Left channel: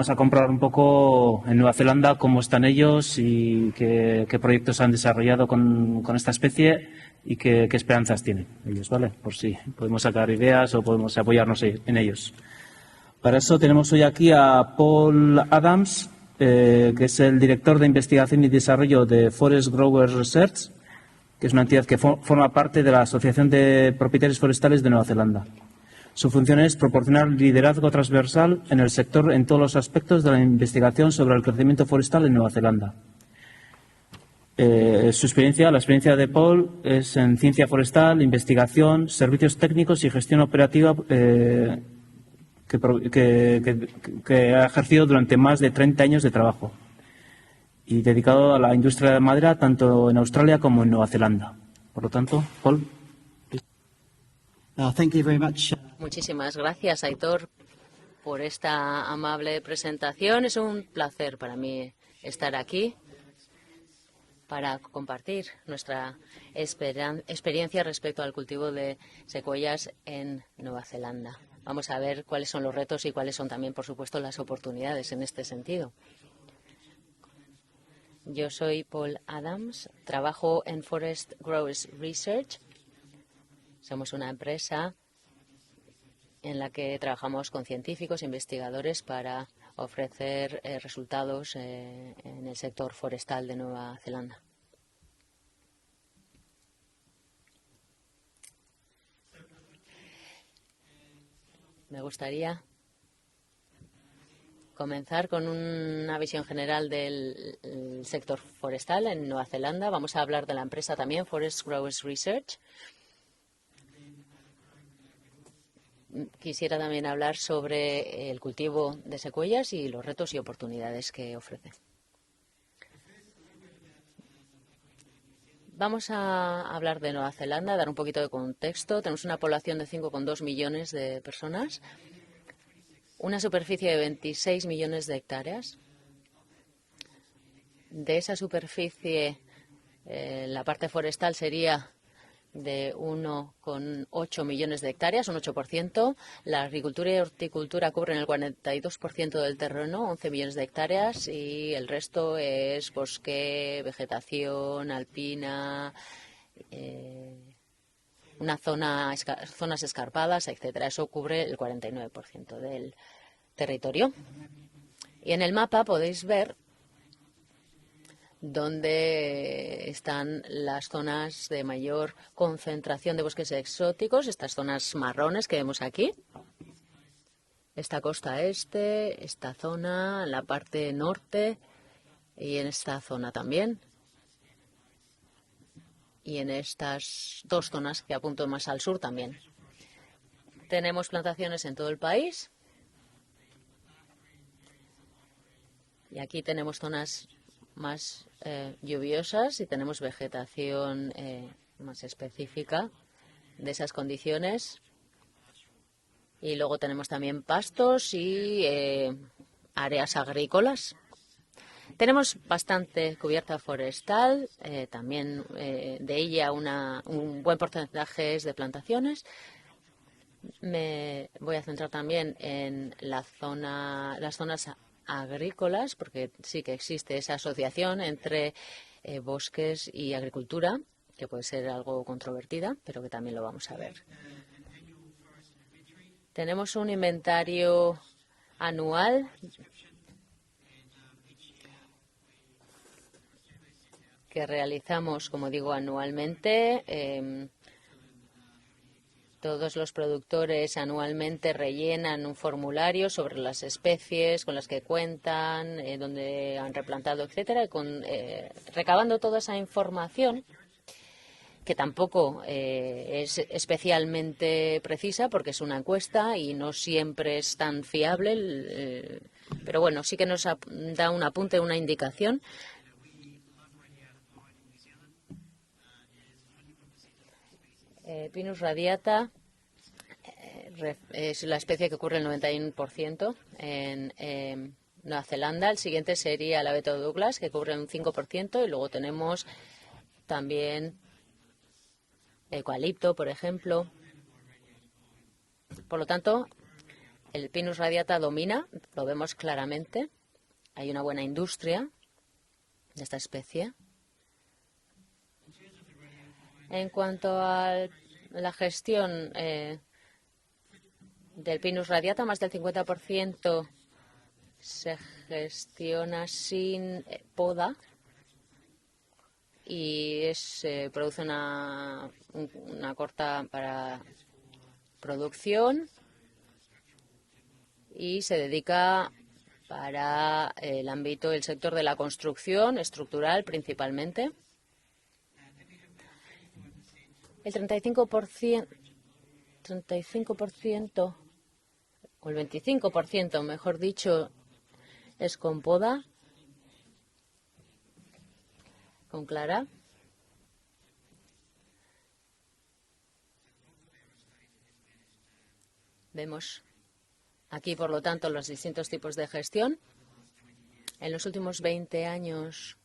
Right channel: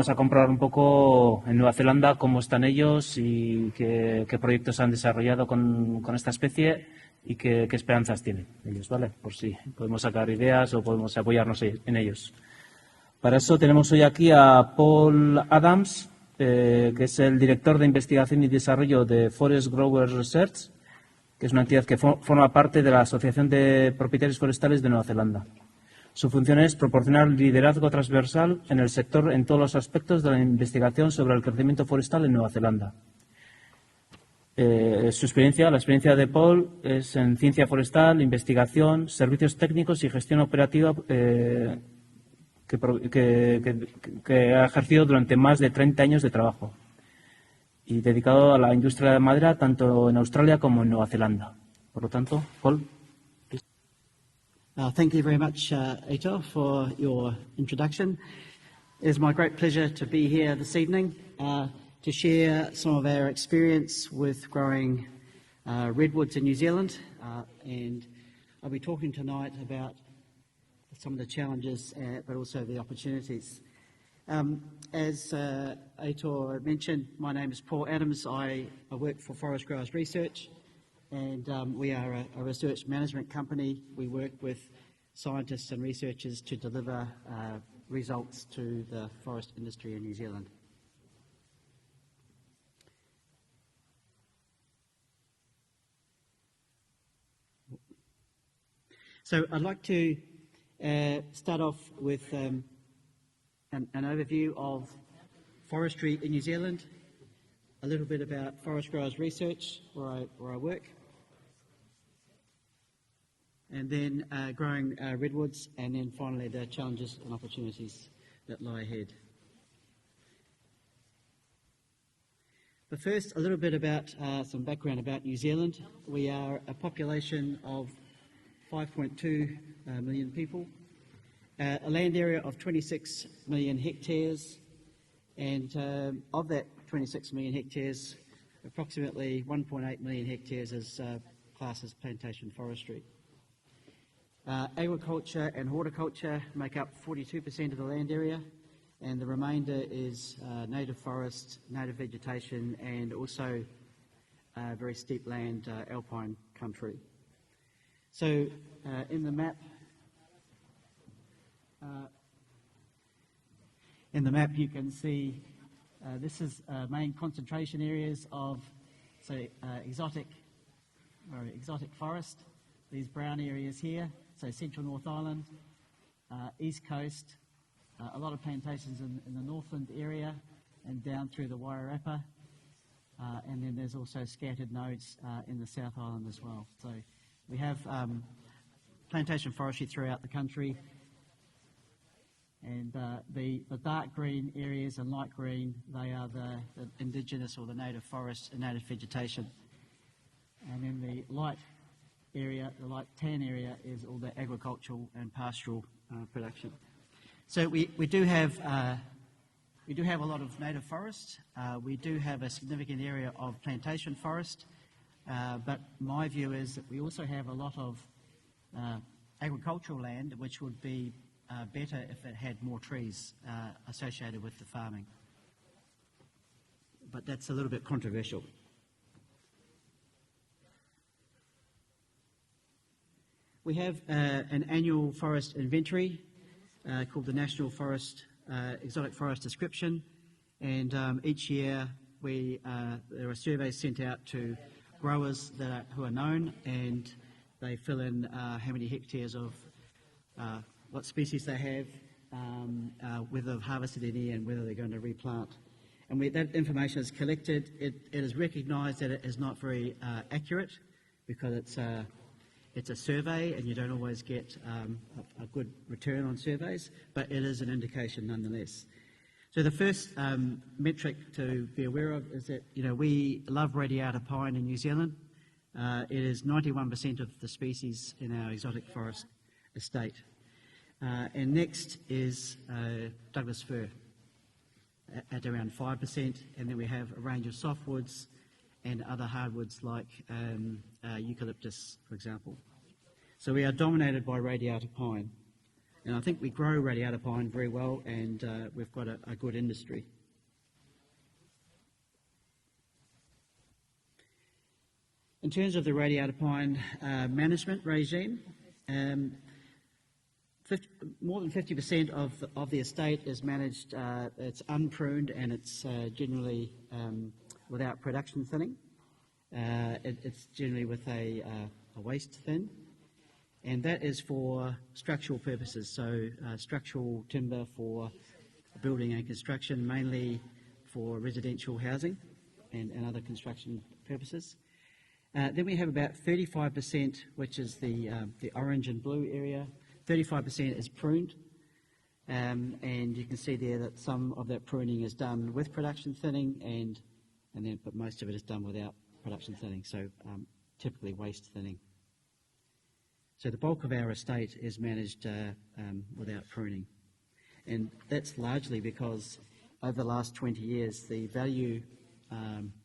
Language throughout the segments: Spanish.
vamos a comprobar un poco en Nueva Zelanda cómo están ellos y qué proyectos han desarrollado con esta especie y qué esperanzas tienen ellos, ¿vale? Por si podemos sacar ideas o podemos apoyarnos en ellos. Para eso tenemos hoy aquí a Paul Adams, que es el director de investigación y desarrollo de Forest Growers Research, que es una entidad que forma parte de la Asociación de Propietarios Forestales de Nueva Zelanda. Su función es proporcionar liderazgo transversal en el sector en todos los aspectos de la investigación sobre el crecimiento forestal en Nueva Zelanda. La experiencia de Paul es en ciencia forestal, investigación, servicios técnicos y gestión operativa que ha ejercido durante más de 30 años de trabajo y dedicado a la industria de madera tanto en Australia como en Nueva Zelanda. Por lo tanto, Paul. Muchísimas gracias, Aitor, por esta amable presentación. Es un placer para mí estar aquí para compartir nuestra experiencia respecto al cultivo de secuoyas en Nueva Zelanda. Vamos a ver cuáles son los retos y cuáles son también, por supuesto, las oportunidades en este sentido. Yo soy Paul Adams, trabajo en Forest Growers Research. Somos una empresa en la que trabajamos con científicos e investigadores para ofrecer resultados en el sector forestal de Nueva Zelanda. Me gustaría comenzar con una visión general del sector forestal en Nueva Zelanda. Vamos a hablar de la empresa también, Forest Growers Research. Quisiera también hablar sobre el cultivo de secuoyas y los retos y oportunidades que ofrece. Vamos a hablar de Nueva Zelanda, dar un poquito de contexto. Tenemos una población de 5,2 millones de personas, una superficie de 26 millones de hectáreas. De esa superficie, la parte forestal sería de 1,8 millones de hectáreas, un 8%. La agricultura y horticultura cubren el 42% del terreno, 11 millones de hectáreas, y el resto es bosque, vegetación alpina, zonas escarpadas, etcétera. Eso cubre el 49% del territorio. Y en el mapa podéis ver dónde están las zonas de mayor concentración de bosques exóticos, estas zonas marrones que vemos aquí. Esta costa este, esta zona, la parte norte y en esta zona también. Y en estas dos zonas que apunto más al sur también. Tenemos plantaciones en todo el país. Y aquí tenemos zonas más lluviosas y tenemos vegetación más específica de esas condiciones. Y luego tenemos también pastos y áreas agrícolas. Tenemos bastante cubierta forestal, también de ella un buen porcentaje es de plantaciones. Me voy a centrar también en las zonas agrícolas, porque sí que existe esa asociación entre bosques y agricultura, que puede ser algo controvertida, pero que también lo vamos a ver. Tenemos un inventario anual que realizamos, como digo, anualmente. Todos los productores anualmente rellenan un formulario sobre las especies con las que cuentan, dónde han replantado, etcétera, recabando toda esa información, que tampoco es especialmente precisa porque es una encuesta y no siempre es tan fiable, pero bueno, sí que nos da un apunte, una indicación. Pinus radiata es la especie que cubre el 91% en Nueva Zelanda. El siguiente sería el abeto Douglas, que cubre un 5%, y luego tenemos también eucalipto, por ejemplo. Por lo tanto, el Pinus radiata domina, lo vemos claramente. Hay una buena industria de esta especie. En cuanto a la gestión del Pinus radiata, más del 50% se gestiona sin poda y se produce una corta para producción y se dedica para el ámbito del sector de la construcción estructural principalmente. El 35%, o el 25%, mejor dicho, es con poda, con clara. Vemos aquí, por lo tanto, los distintos tipos de gestión. En los últimos 20 años,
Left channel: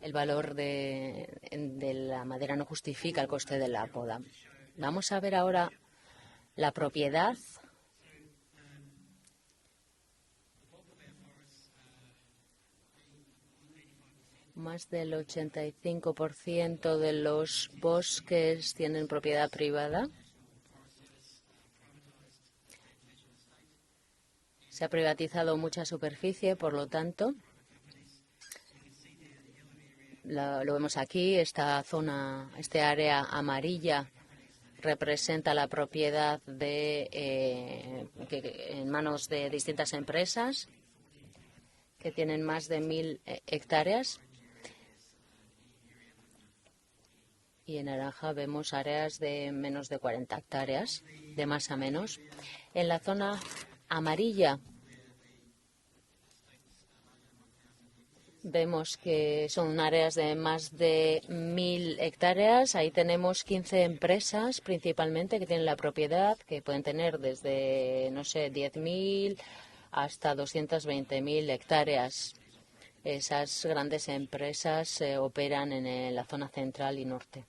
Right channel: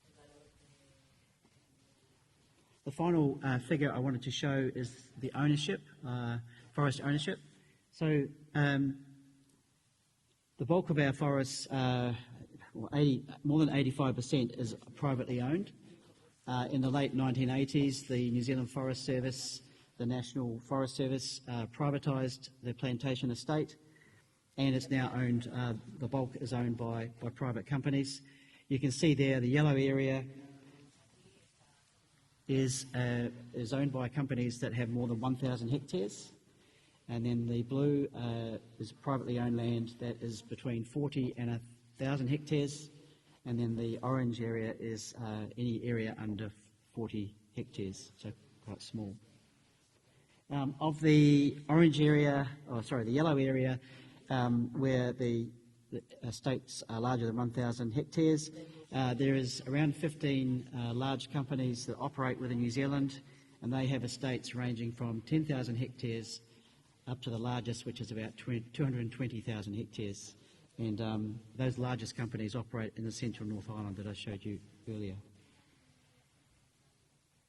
el valor de la madera no justifica el coste de la poda. Vamos a ver ahora la propiedad. Más del 85% de los bosques tienen propiedad privada. Se ha privatizado mucha superficie, por lo tanto, lo vemos aquí, esta zona, este área amarilla representa la propiedad en manos de distintas empresas que tienen más de 1.000 hectáreas. Y en naranja vemos áreas de menos de 40 hectáreas, de más a menos. En la zona amarilla vemos que son áreas de más de 1.000 hectáreas. Ahí tenemos 15 empresas principalmente que tienen la propiedad, que pueden tener desde, no sé, 10.000 hasta 220.000 hectáreas. Esas grandes empresas operan en la zona central y norte,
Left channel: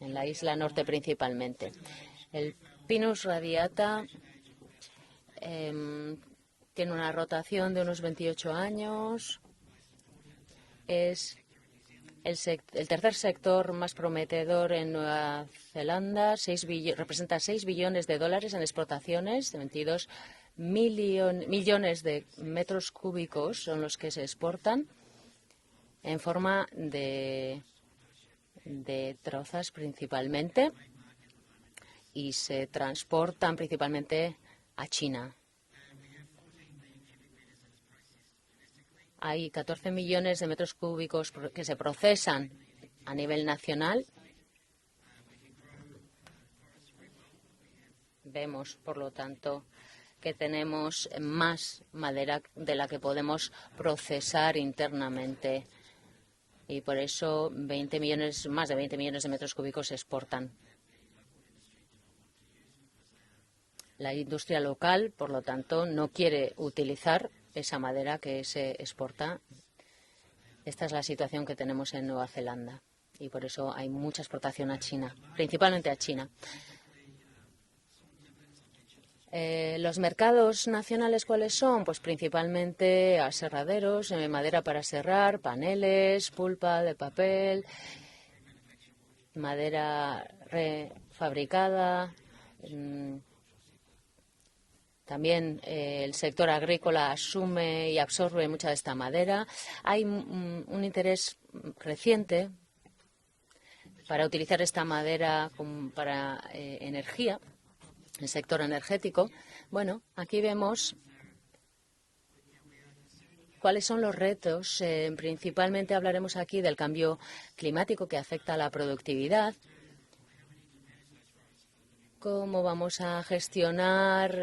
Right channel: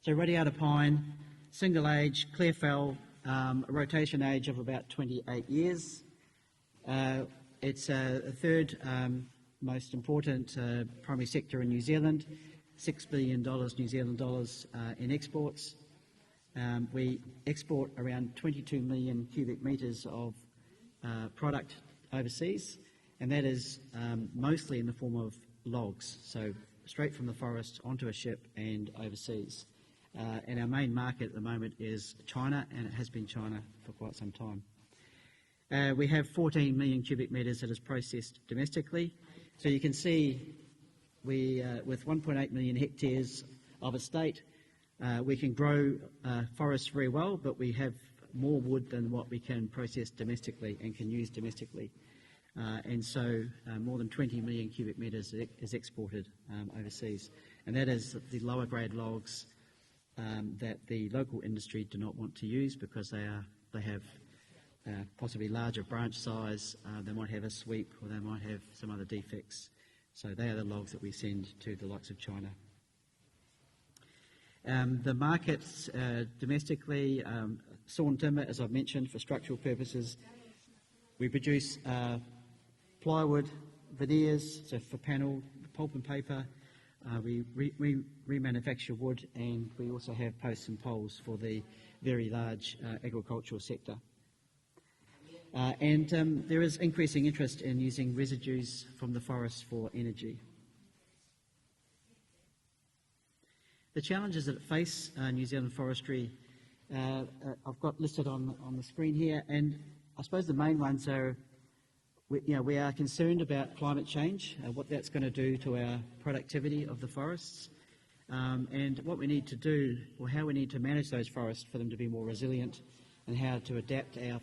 en la isla norte principalmente. El Pinus radiata tiene una rotación de unos 28 años. Es el tercer sector más prometedor en Nueva Zelanda. Representa 6 billones de dólares en exportaciones, 22 millones de metros cúbicos son los que se exportan en forma de trozas principalmente y se transportan principalmente a China. Hay 14 millones de metros cúbicos que se procesan a nivel nacional. Vemos, por lo tanto, que tenemos más madera de la que podemos procesar internamente y por eso más de 20 millones de metros cúbicos se exportan. La industria local, por lo tanto, no quiere utilizar esa madera que se exporta. Esta es la situación que tenemos en Nueva Zelanda y por eso hay mucha exportación a China, principalmente a China. Los mercados nacionales, ¿cuáles son? Pues principalmente aserraderos, madera para serrar, paneles, pulpa de papel, madera fabricada. También el sector agrícola asume y absorbe mucha de esta madera. Hay un interés creciente para utilizar esta madera para energía, el sector energético. Bueno, aquí vemos cuáles son los retos. Principalmente hablaremos aquí del cambio climático que afecta a la productividad. Cómo vamos a gestionar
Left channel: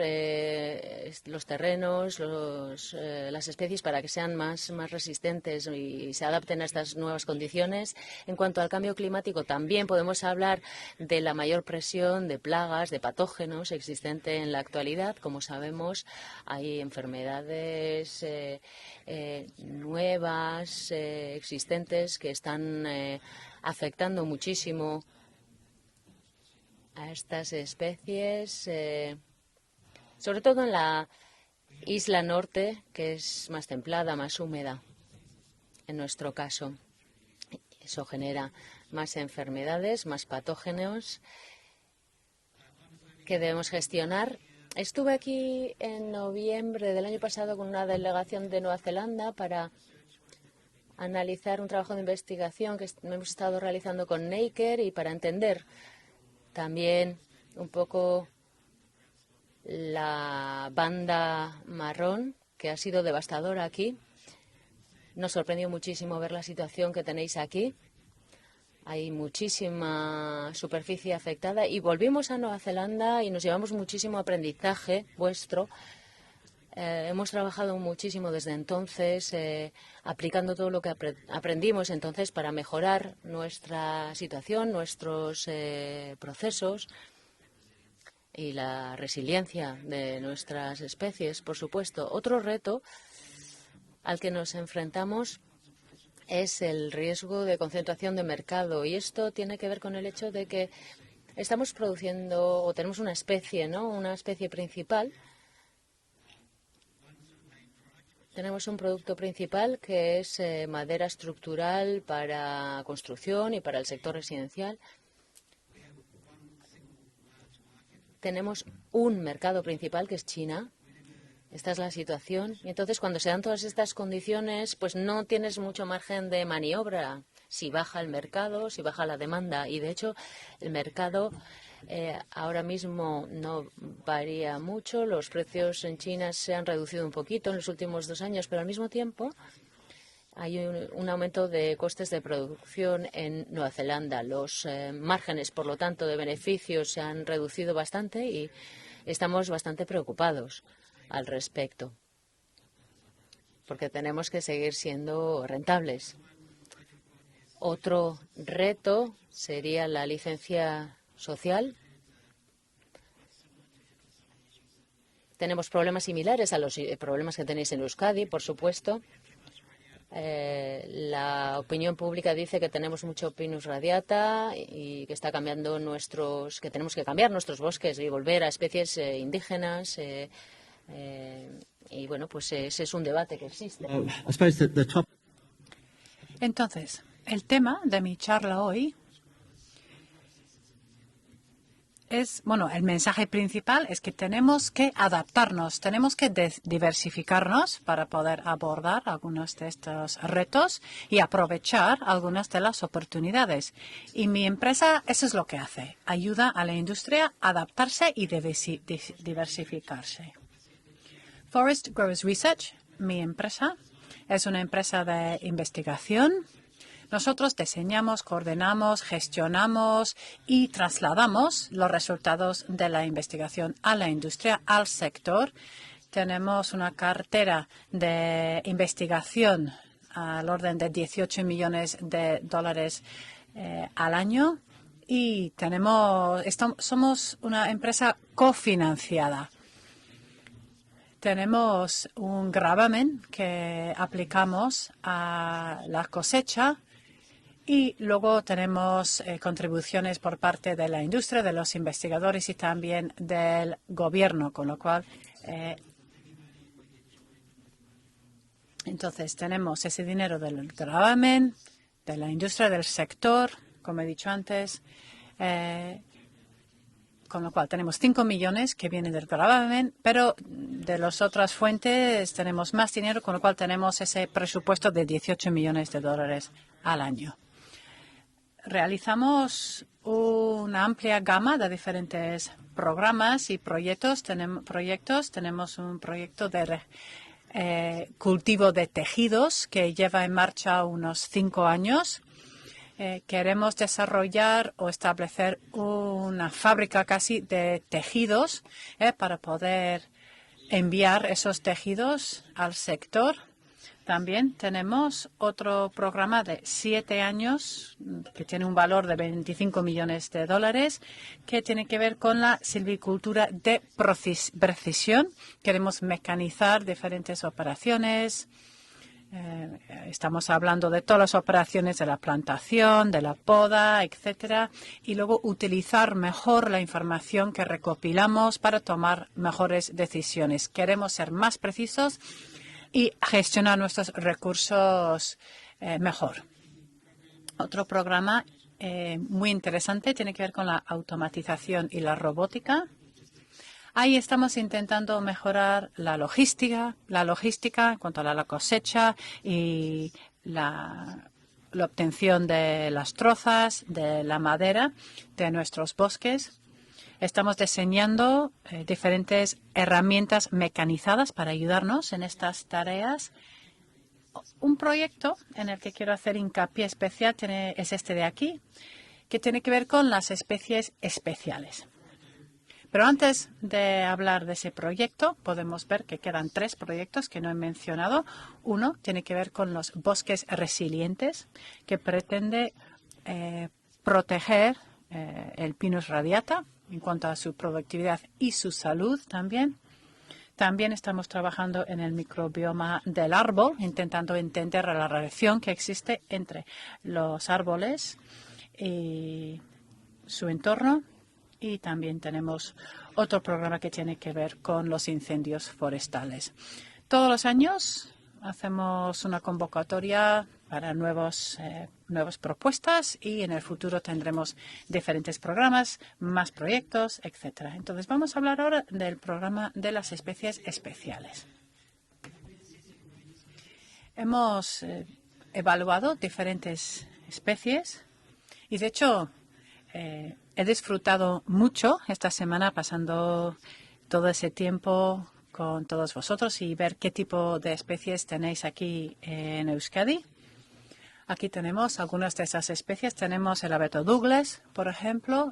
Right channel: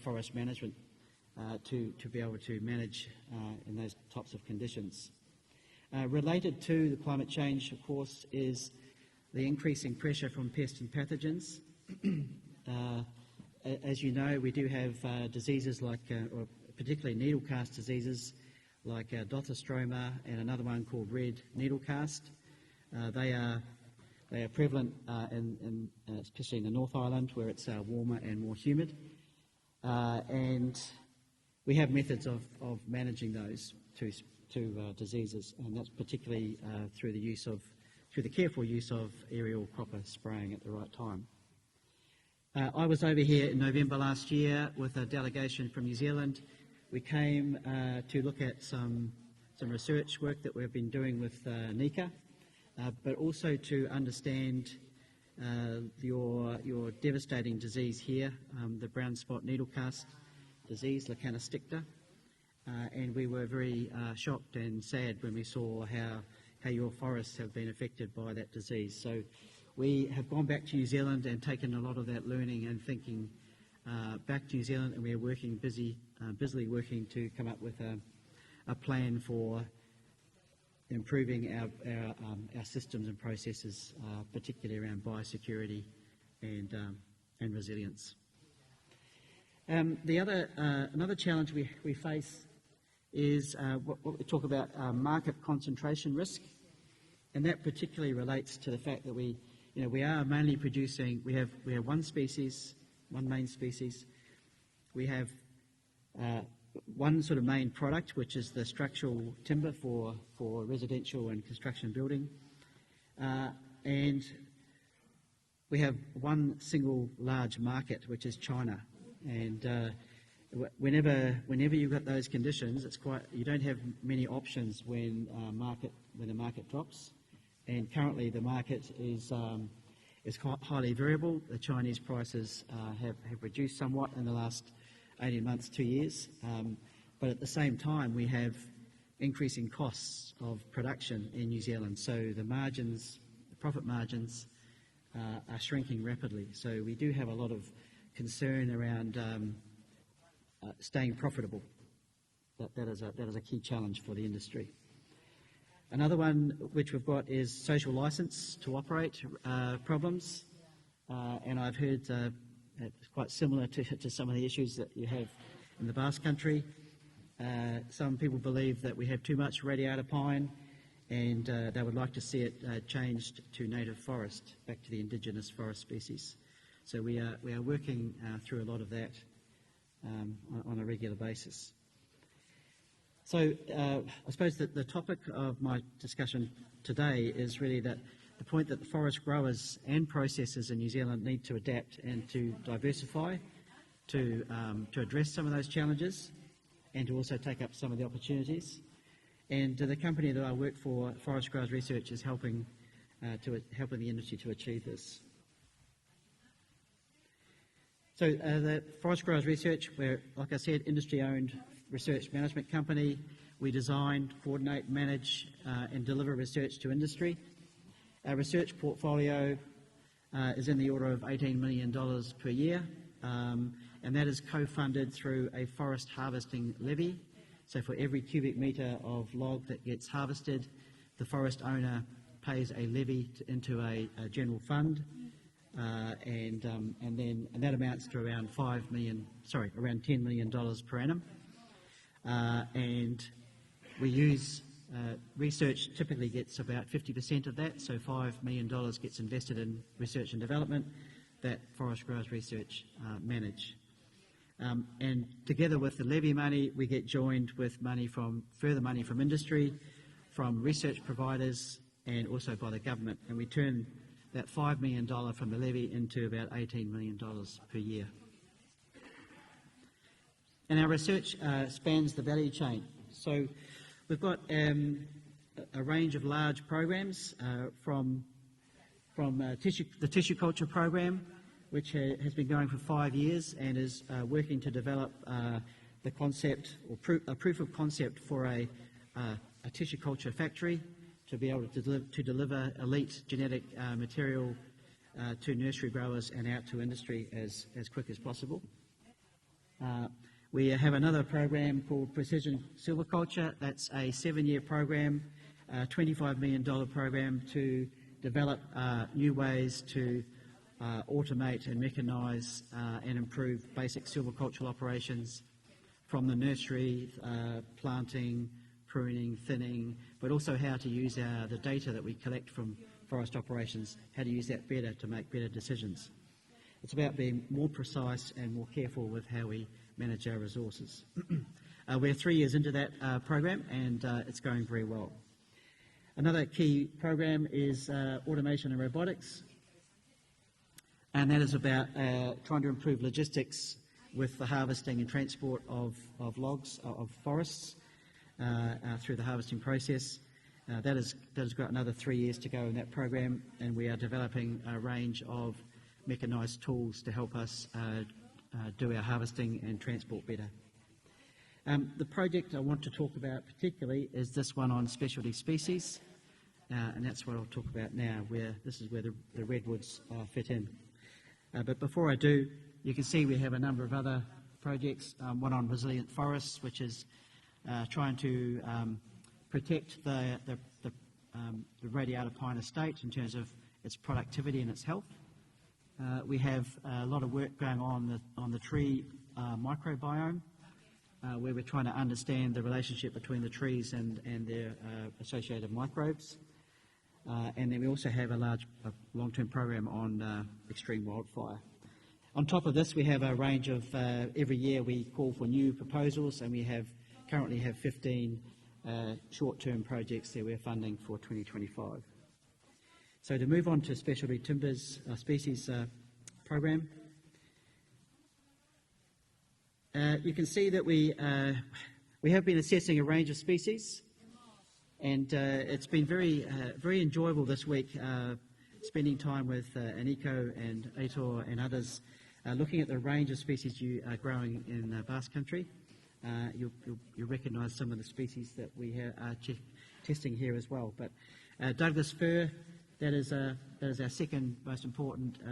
los terrenos, las especies para que sean más resistentes y se adapten a estas nuevas condiciones. En cuanto al cambio climático, también podemos hablar de la mayor presión de plagas, de patógenos existente en la actualidad. Como sabemos, hay enfermedades enfermedades nuevas, existentes, que están afectando muchísimo a estas especies, sobre todo en la isla norte, que es más templada, más húmeda, en nuestro caso. Eso genera más enfermedades, más patógenos que debemos gestionar. Estuve aquí en noviembre del año pasado con una delegación de Nueva Zelanda para analizar un trabajo de investigación que hemos estado realizando con Naker y para entender también un poco la banda marrón, que ha sido devastadora aquí. Nos sorprendió muchísimo ver la situación que tenéis aquí. Hay muchísima superficie afectada y volvimos a Nueva Zelanda y nos llevamos muchísimo aprendizaje vuestro. Hemos trabajado muchísimo desde entonces, aplicando todo lo que aprendimos entonces para mejorar nuestra situación, nuestros procesos y la resiliencia de nuestras especies, por supuesto. Otro reto al que nos enfrentamos es el riesgo de concentración de mercado, y esto tiene que ver con el hecho de que estamos produciendo, o tenemos una especie, ¿no? Una especie principal. Tenemos un producto principal que es madera estructural para construcción y para el sector residencial. Tenemos un mercado principal que es China. Esta es la situación. Entonces, cuando se dan todas estas condiciones, pues no tienes mucho margen de maniobra. Si baja el mercado, si baja la demanda. Y de hecho, el mercado ahora mismo no varía mucho. Los precios en China se han reducido un poquito en los últimos 2 años, pero al mismo tiempo hay un aumento de costes de producción en Nueva Zelanda. Los márgenes, por lo tanto, de beneficios se han reducido bastante y estamos bastante preocupados al respecto, porque tenemos que seguir siendo rentables. Otro reto sería la licencia social. Tenemos problemas similares a los problemas que tenéis en Euskadi, por supuesto. La opinión pública dice que tenemos mucho Pinus radiata y que está cambiando que tenemos que cambiar nuestros bosques y volver a especies indígenas. Y bueno, pues ese es un debate que existe. Entonces, el tema de mi charla hoy es, bueno, el mensaje principal es que tenemos que adaptarnos, tenemos que diversificarnos para poder abordar algunos de estos retos y aprovechar algunas de las oportunidades. Y mi empresa, eso es lo que hace, ayuda a la industria a adaptarse y diversificarse. Forest Growers Research, mi empresa, es una empresa de investigación. Nosotros diseñamos, coordinamos, gestionamos y trasladamos los resultados de la investigación a la industria, al sector. Tenemos una cartera de investigación al orden de $18 millones al año y somos una empresa cofinanciada. Tenemos un gravamen que aplicamos a la cosecha y luego tenemos contribuciones por parte de la industria, de los investigadores y también del gobierno, con lo cual entonces tenemos ese dinero del gravamen, de la industria, del sector, como he dicho antes, con lo cual tenemos 5 millones que vienen del gravamen, pero de las otras fuentes tenemos más dinero, con lo cual tenemos ese presupuesto de $18 millones al año. Realizamos una amplia gama de diferentes programas y proyectos. Tenemos un proyecto de cultivo de tejidos que lleva en marcha unos 5 años. Queremos desarrollar o establecer una fábrica casi de tejidos para poder enviar esos tejidos al sector. También tenemos otro programa de 7 años que tiene un valor de $25 millones que tiene que ver con la silvicultura de precisión. Queremos mecanizar diferentes operaciones. Estamos hablando de todas las operaciones de la plantación, de la poda, etcétera, y luego utilizar mejor la información que recopilamos para tomar mejores decisiones. Queremos ser más precisos y gestionar nuestros recursos mejor. Otro programa muy interesante tiene que ver con la automatización y la robótica. Ahí estamos intentando mejorar la logística en cuanto a la cosecha y la obtención de las trozas, de la madera de nuestros bosques. Estamos diseñando diferentes herramientas mecanizadas para ayudarnos en estas tareas. Un proyecto en el que quiero hacer hincapié especial es este de aquí, que tiene que ver con las especies especiales. Pero antes de hablar de ese proyecto, podemos ver que quedan 3 proyectos que no he mencionado. Uno tiene que ver con los bosques resilientes, que pretende proteger el Pinus radiata en cuanto a su productividad y su salud también. También estamos trabajando en el microbioma del árbol, intentando entender la relación que existe entre los árboles y su entorno. Y también tenemos otro programa que tiene que ver con los incendios forestales. Todos los años hacemos una convocatoria para nuevas propuestas y en el futuro tendremos diferentes programas, más proyectos, etcétera. Entonces vamos a hablar ahora del programa de las especies especiales. Hemos evaluado diferentes especies y, de hecho, he disfrutado mucho esta semana pasando todo ese tiempo con todos vosotros y ver qué tipo de especies tenéis aquí en Euskadi. Aquí tenemos algunas de esas especies. Tenemos el abeto Douglas, por ejemplo.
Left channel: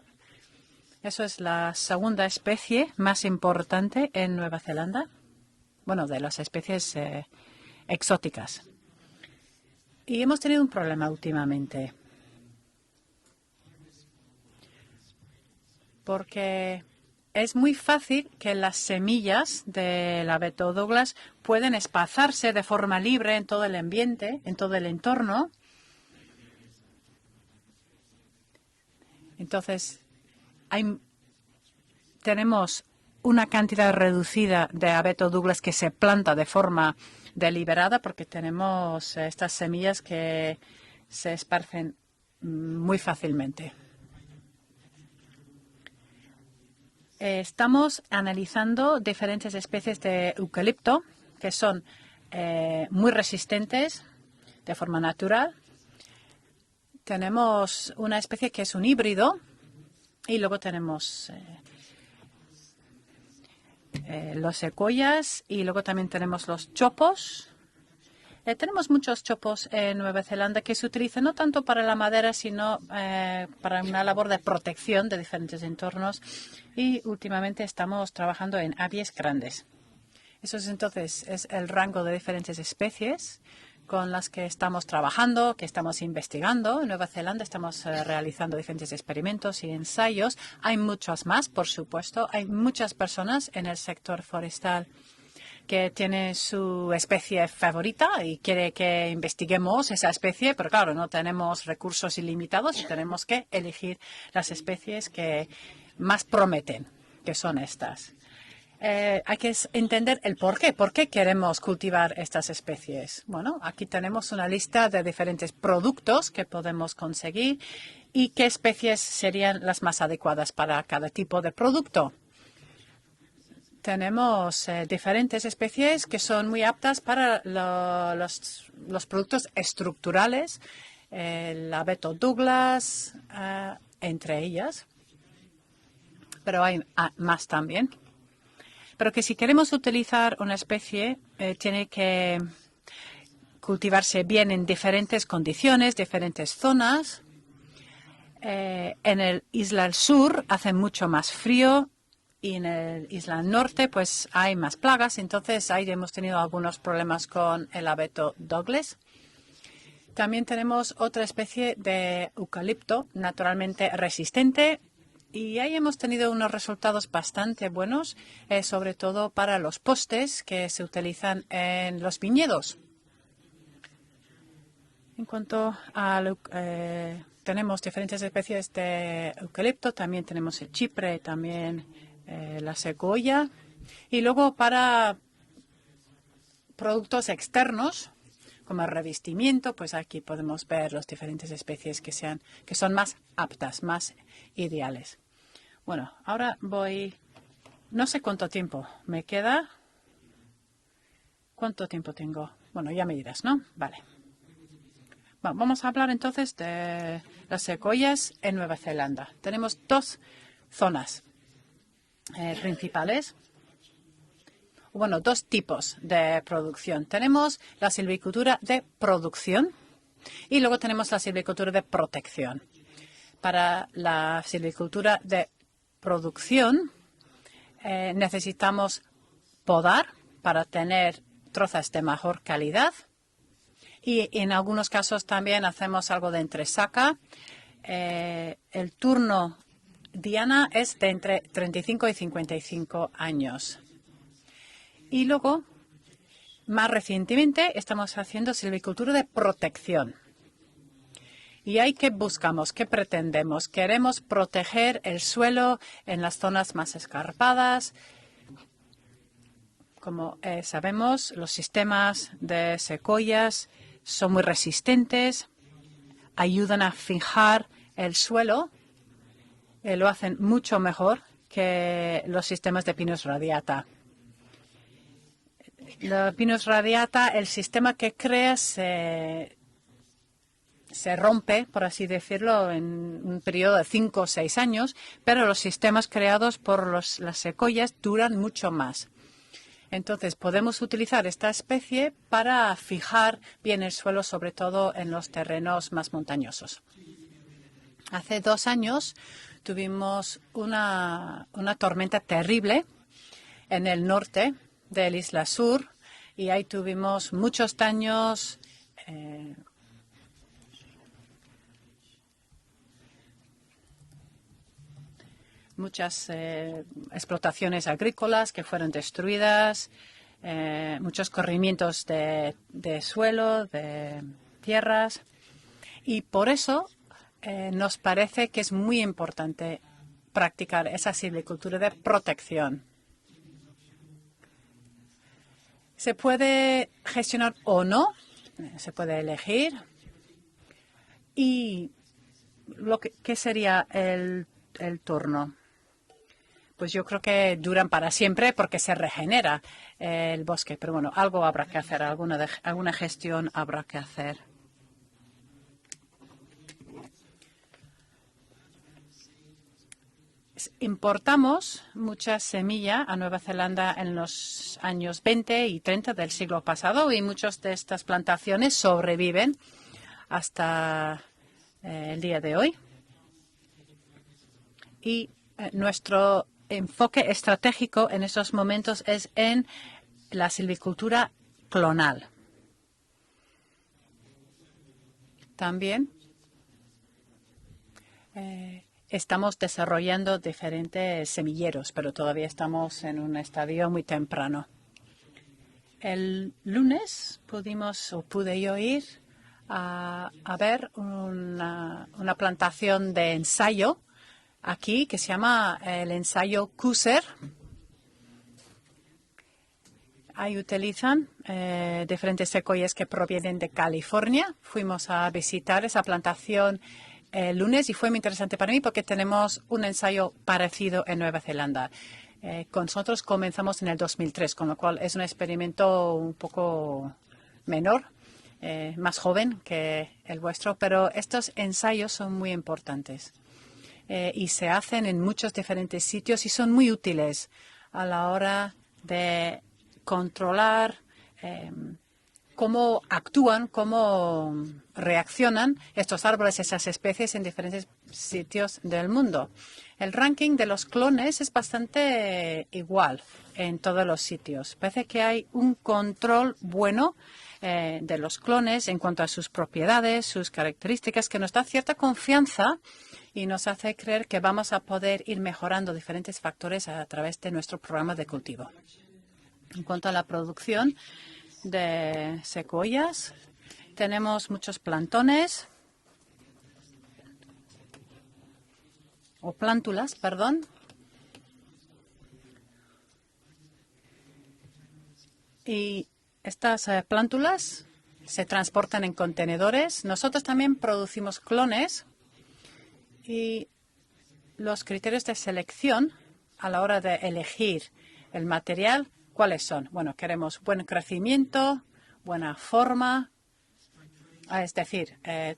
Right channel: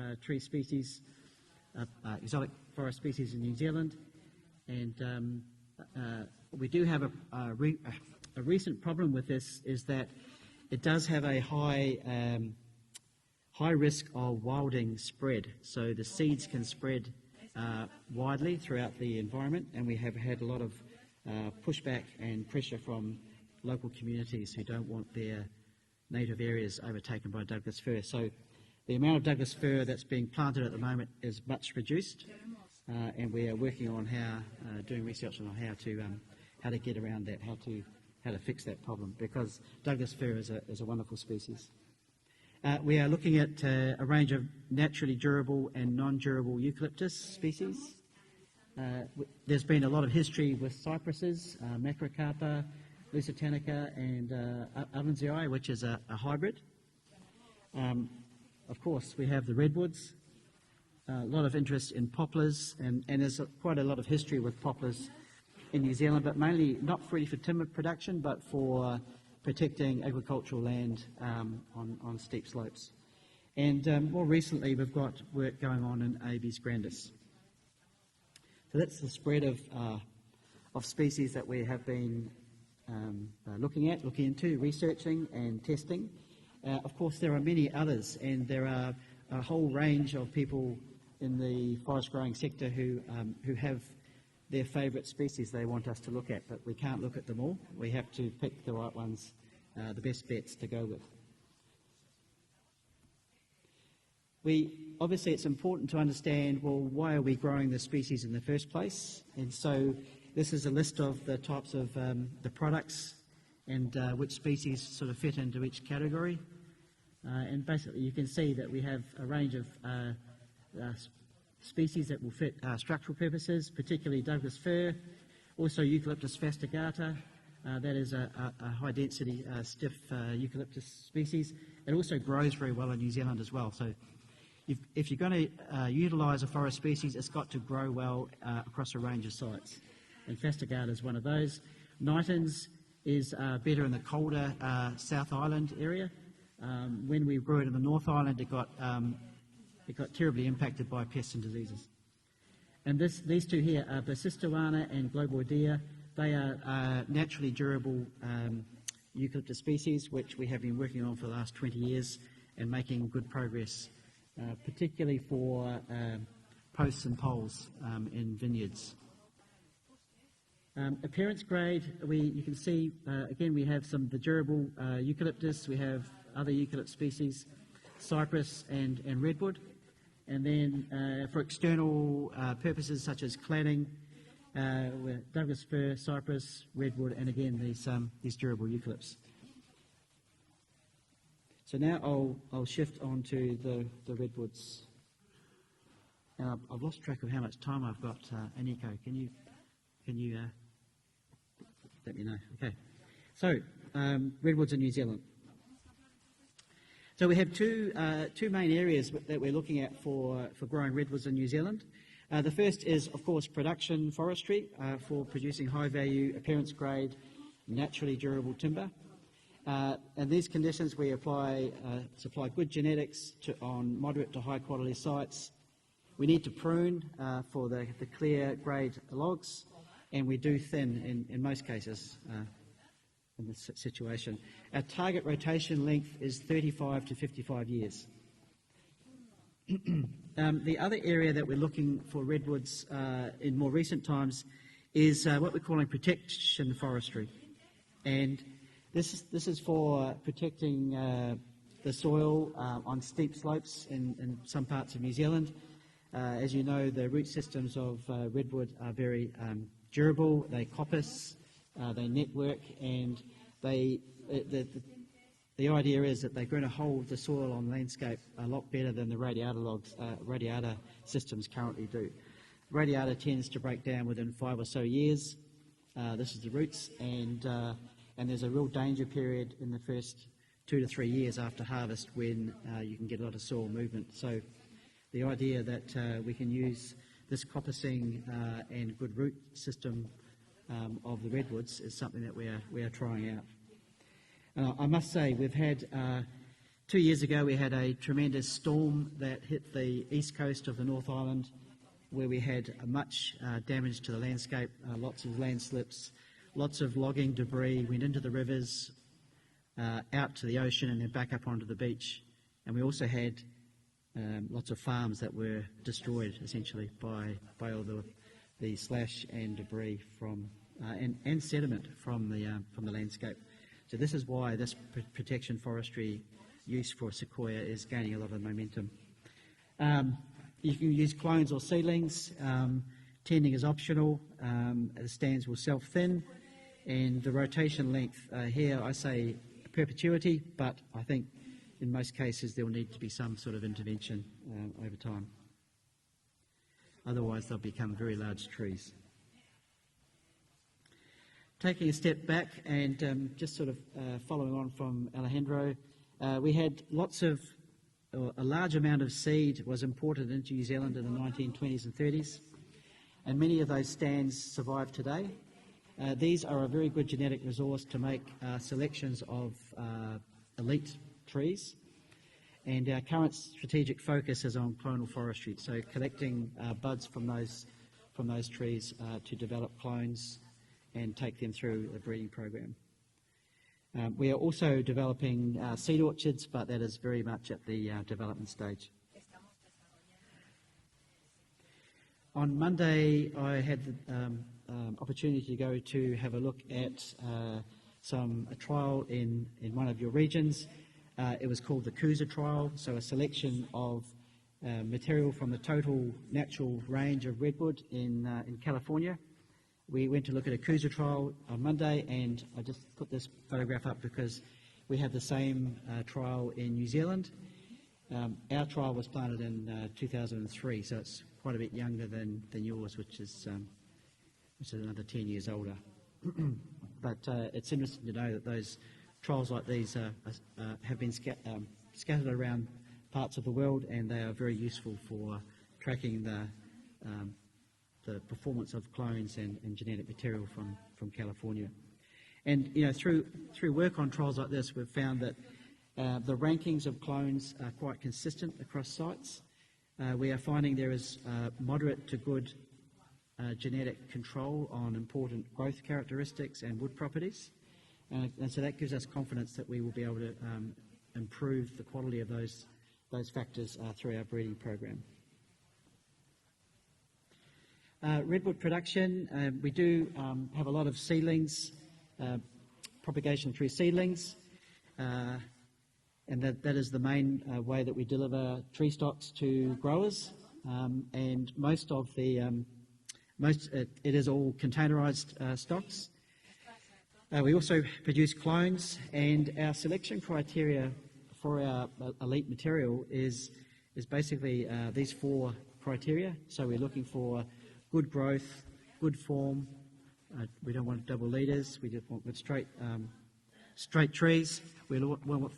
Eso es la segunda especie más importante en Nueva Zelanda. Bueno, de las especies exóticas. Y hemos tenido un problema últimamente. Porque es muy fácil que las semillas del abeto Douglas pueden esparcirse de forma libre en todo el ambiente, en todo el entorno. Entonces, tenemos una cantidad reducida de abeto Douglas que se planta de forma deliberada porque tenemos estas semillas que se esparcen muy fácilmente. Estamos analizando diferentes especies de eucalipto que son muy resistentes de forma natural. Tenemos una especie que es un híbrido y luego tenemos los secuoyas y luego también tenemos los chopos. Tenemos muchos chopos en Nueva Zelanda que se utilizan no tanto para la madera, sino para una labor de protección de diferentes entornos y últimamente estamos trabajando en aves grandes. Eso es entonces el rango de diferentes especies con las que estamos trabajando, que estamos investigando. En Nueva Zelanda estamos realizando diferentes experimentos y ensayos. Hay muchas más, por supuesto. Hay muchas personas en el sector forestal que tienen su especie favorita y quiere que investiguemos esa especie, pero claro, no tenemos recursos ilimitados y tenemos que elegir las especies que más prometen, que son estas. Hay que entender el por qué. ¿Por qué queremos cultivar estas especies? Bueno, aquí tenemos una lista de diferentes productos que podemos conseguir y qué especies serían las más adecuadas para cada tipo de producto. Tenemos diferentes especies que son muy aptas para los productos estructurales, el abeto Douglas, entre ellas, pero hay más también. Pero que si queremos utilizar una especie, tiene que cultivarse bien en diferentes condiciones, diferentes zonas. En el Isla del Sur hace mucho más frío y en el Isla Norte pues hay más plagas, entonces ahí hemos tenido algunos problemas con el abeto Douglas. También tenemos otra especie de eucalipto naturalmente resistente y ahí hemos tenido unos resultados bastante buenos, sobre todo para los postes que se utilizan en los viñedos. En cuanto a tenemos diferentes especies de eucalipto, también tenemos el chipre, también la secuoya, y luego para productos externos como el revestimiento, pues aquí podemos ver las diferentes especies que son más aptas, más ideales. Bueno, ahora no sé cuánto tiempo me queda. ¿Cuánto tiempo tengo? Bueno, ya me dirás, ¿no? Vale. Vamos a hablar entonces de las secuoyas en Nueva Zelanda. Tenemos dos zonas principales. Bueno, dos tipos de producción. Tenemos la silvicultura de producción y luego tenemos la silvicultura de protección. Para la silvicultura de producción necesitamos podar para tener trozas de mejor calidad y en algunos casos también hacemos algo de entresaca. El turno diana es de entre 35 y 55 años. Y luego, más recientemente, estamos haciendo silvicultura de protección. ¿Y ahí qué buscamos? ¿Qué pretendemos? Queremos proteger el suelo en las zonas más escarpadas. Como sabemos, los sistemas de secuoyas son muy resistentes, ayudan a fijar el suelo, lo hacen mucho mejor que los sistemas de Pinus radiata. Los Pinus radiata, el sistema que creas se rompe, por así decirlo, en un periodo de 5 o 6 años, pero los sistemas creados por las secuoyas duran mucho más. Entonces, podemos utilizar esta especie para fijar bien el suelo, sobre todo en los terrenos más montañosos. Hace 2 años tuvimos una tormenta terrible en el norte de la Isla Sur y ahí tuvimos muchos daños out to the ocean and then back up onto the beach. And we also had lots of farms that were muchas explotaciones agrícolas que fueron destruidas, muchos corrimientos de suelo, de tierras, y por eso nos parece que es muy importante practicar esa silvicultura de protección. Se puede gestionar o no, se puede elegir. ¿Y qué sería el turno? Pues yo creo que duran para siempre porque se regenera el bosque. Pero bueno, algo habrá que hacer, alguna gestión habrá que hacer. Importamos mucha semilla a Nueva Zelanda en los años 20 y 30 del siglo pasado y muchas de estas plantaciones sobreviven hasta el día de hoy. Y nuestro enfoque estratégico en estos momentos es en la silvicultura clonal. También estamos desarrollando diferentes semilleros, pero todavía estamos en un estadio muy temprano. El lunes pude yo ir a ver una plantación de ensayo aquí que se llama el ensayo Cooser. Ahí utilizan diferentes secuoyas que provienen de California. Fuimos a visitar esa plantación el lunes y fue muy interesante para mí porque tenemos un ensayo parecido en Nueva Zelanda. Con nosotros comenzamos en el 2003, con lo cual es un experimento un poco menor, más joven que el vuestro, pero estos ensayos son muy importantes y se hacen en muchos diferentes sitios y son muy útiles a la hora de controlar cómo actúan, cómo reaccionan estos árboles, esas especies en diferentes sitios del mundo. El ranking de los clones es bastante igual en todos los sitios. Parece que hay un control bueno de los clones en cuanto a sus propiedades, sus características, que nos da cierta confianza y nos hace creer que vamos a poder ir mejorando diferentes factores a través de nuestro programa de cultivo. En cuanto a la producción de secuoyas, tenemos muchos plantones. O plántulas, perdón. Y estas plántulas se transportan en contenedores. Nosotros también producimos clones y los criterios de selección a la hora de elegir el material, ¿cuáles son? Bueno, queremos buen crecimiento, buena forma, es decir,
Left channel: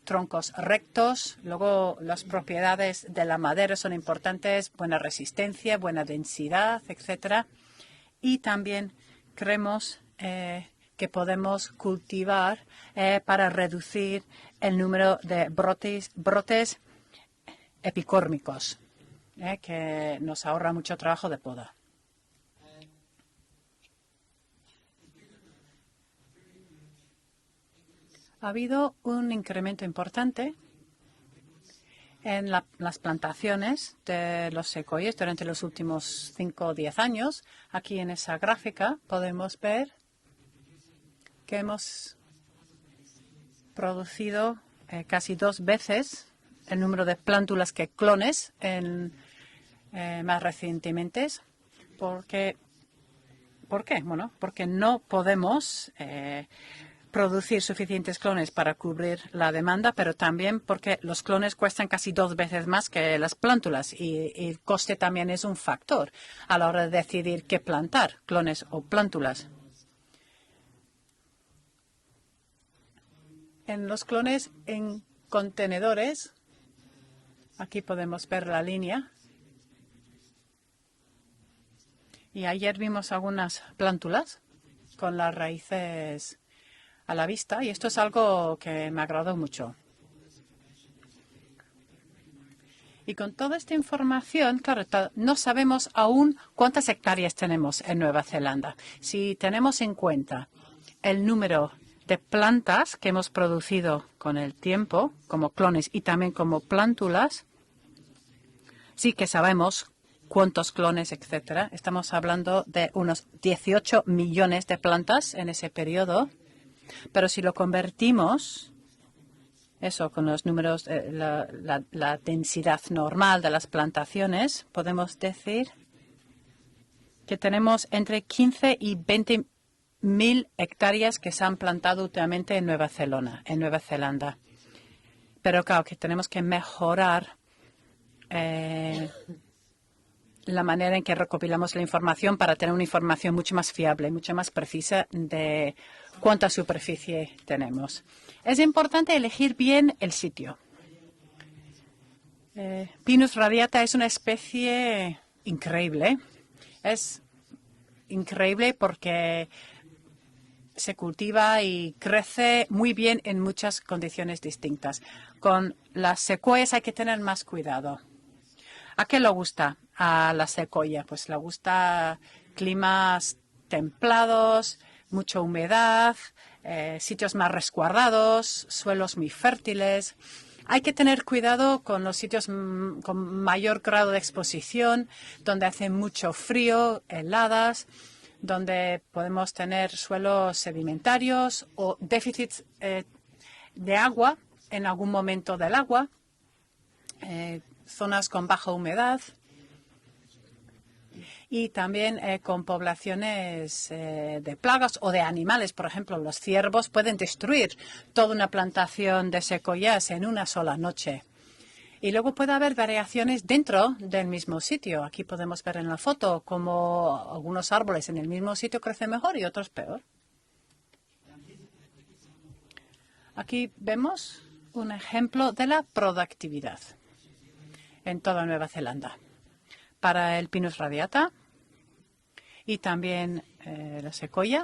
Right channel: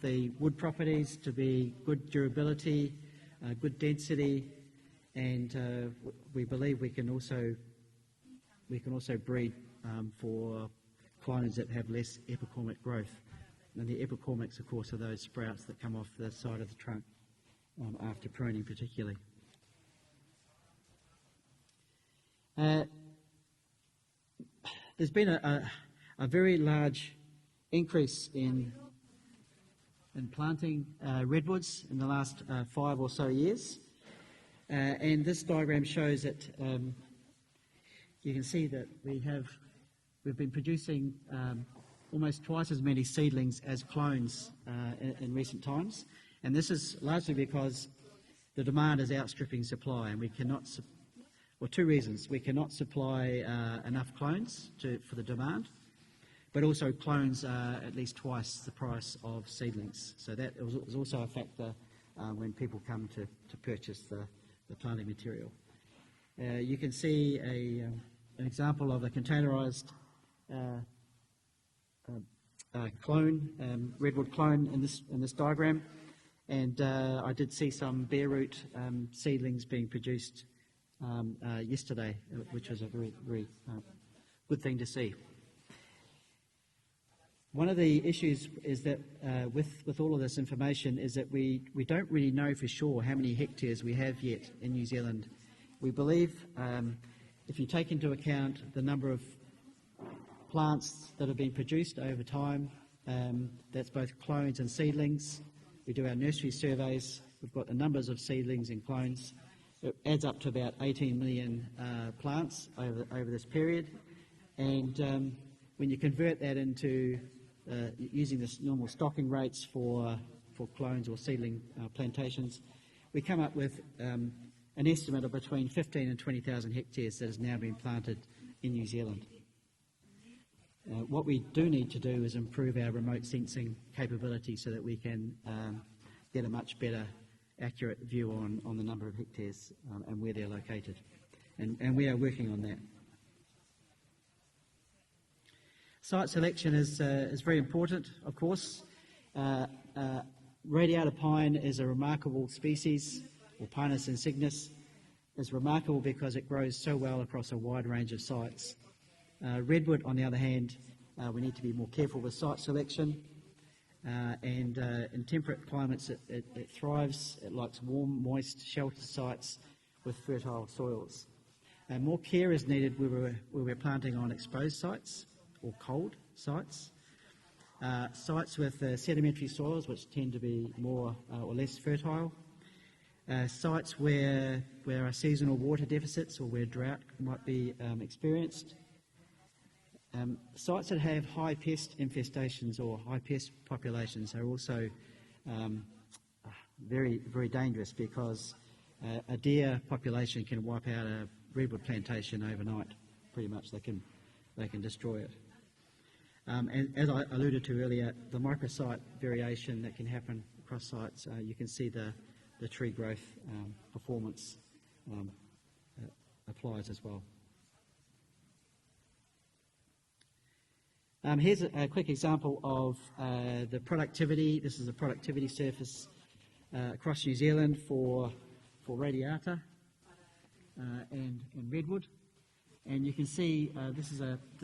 troncos rectos. Luego, las propiedades de la madera son importantes, buena resistencia, buena densidad, etcétera. Y también creemos que podemos cultivar para reducir el número de brotes epicórmicos, que nos ahorra mucho trabajo de poda. Ha habido un incremento importante en las plantaciones de los secuoyas durante los últimos 5 o 10 años. Aquí en esa gráfica podemos ver que hemos producido casi 2 veces el número de plántulas que clones más recientemente. ¿Por qué? Bueno, porque no podemos producir suficientes clones para cubrir la demanda, pero también porque los clones cuestan casi 2 veces más que las plántulas y el coste también es un factor a la hora de decidir qué plantar, clones o plántulas. En los clones en contenedores, aquí podemos ver la línea, y ayer vimos algunas plántulas con las raíces a la vista, y esto es algo que me agradó mucho. Y con toda esta información, claro, no sabemos aún cuántas hectáreas tenemos en Nueva Zelanda. Si tenemos en cuenta el número de plantas que hemos producido con el tiempo, como clones y también como plántulas, sí que sabemos cuántos clones, etcétera. Estamos hablando de unos 18 millones de plantas en ese periodo. Pero si lo convertimos, eso con los números, la densidad normal de las plantaciones, podemos decir que tenemos entre 15 y 20 mil hectáreas que se han plantado últimamente en Nueva Zelanda. Pero claro que tenemos que mejorar la manera en que recopilamos la información para tener una información mucho más fiable, mucho más precisa de cuánta superficie tenemos. Es importante elegir bien el sitio. Pinus radiata es una especie increíble. Es increíble porque se cultiva y crece muy bien en muchas condiciones distintas. Con las secuoyas hay que tener más cuidado. ¿A qué le gusta a la secuoya? Pues le gusta climas templados, mucha humedad, sitios más resguardados, suelos muy fértiles. Hay que tener cuidado con los sitios con mayor grado de exposición, donde hace mucho frío, heladas, donde podemos tener suelos sedimentarios o déficits de agua en algún momento del agua. Zonas con baja humedad y también con poblaciones de plagas o de animales. Por ejemplo, los ciervos pueden destruir toda una plantación de secuoyas en una sola noche. Y luego puede haber variaciones dentro del mismo sitio. Aquí podemos ver en la foto cómo algunos árboles en el mismo sitio crecen mejor y otros peor. Aquí vemos un ejemplo de la productividad en toda Nueva Zelanda para el Pinus radiata y también la secuoya.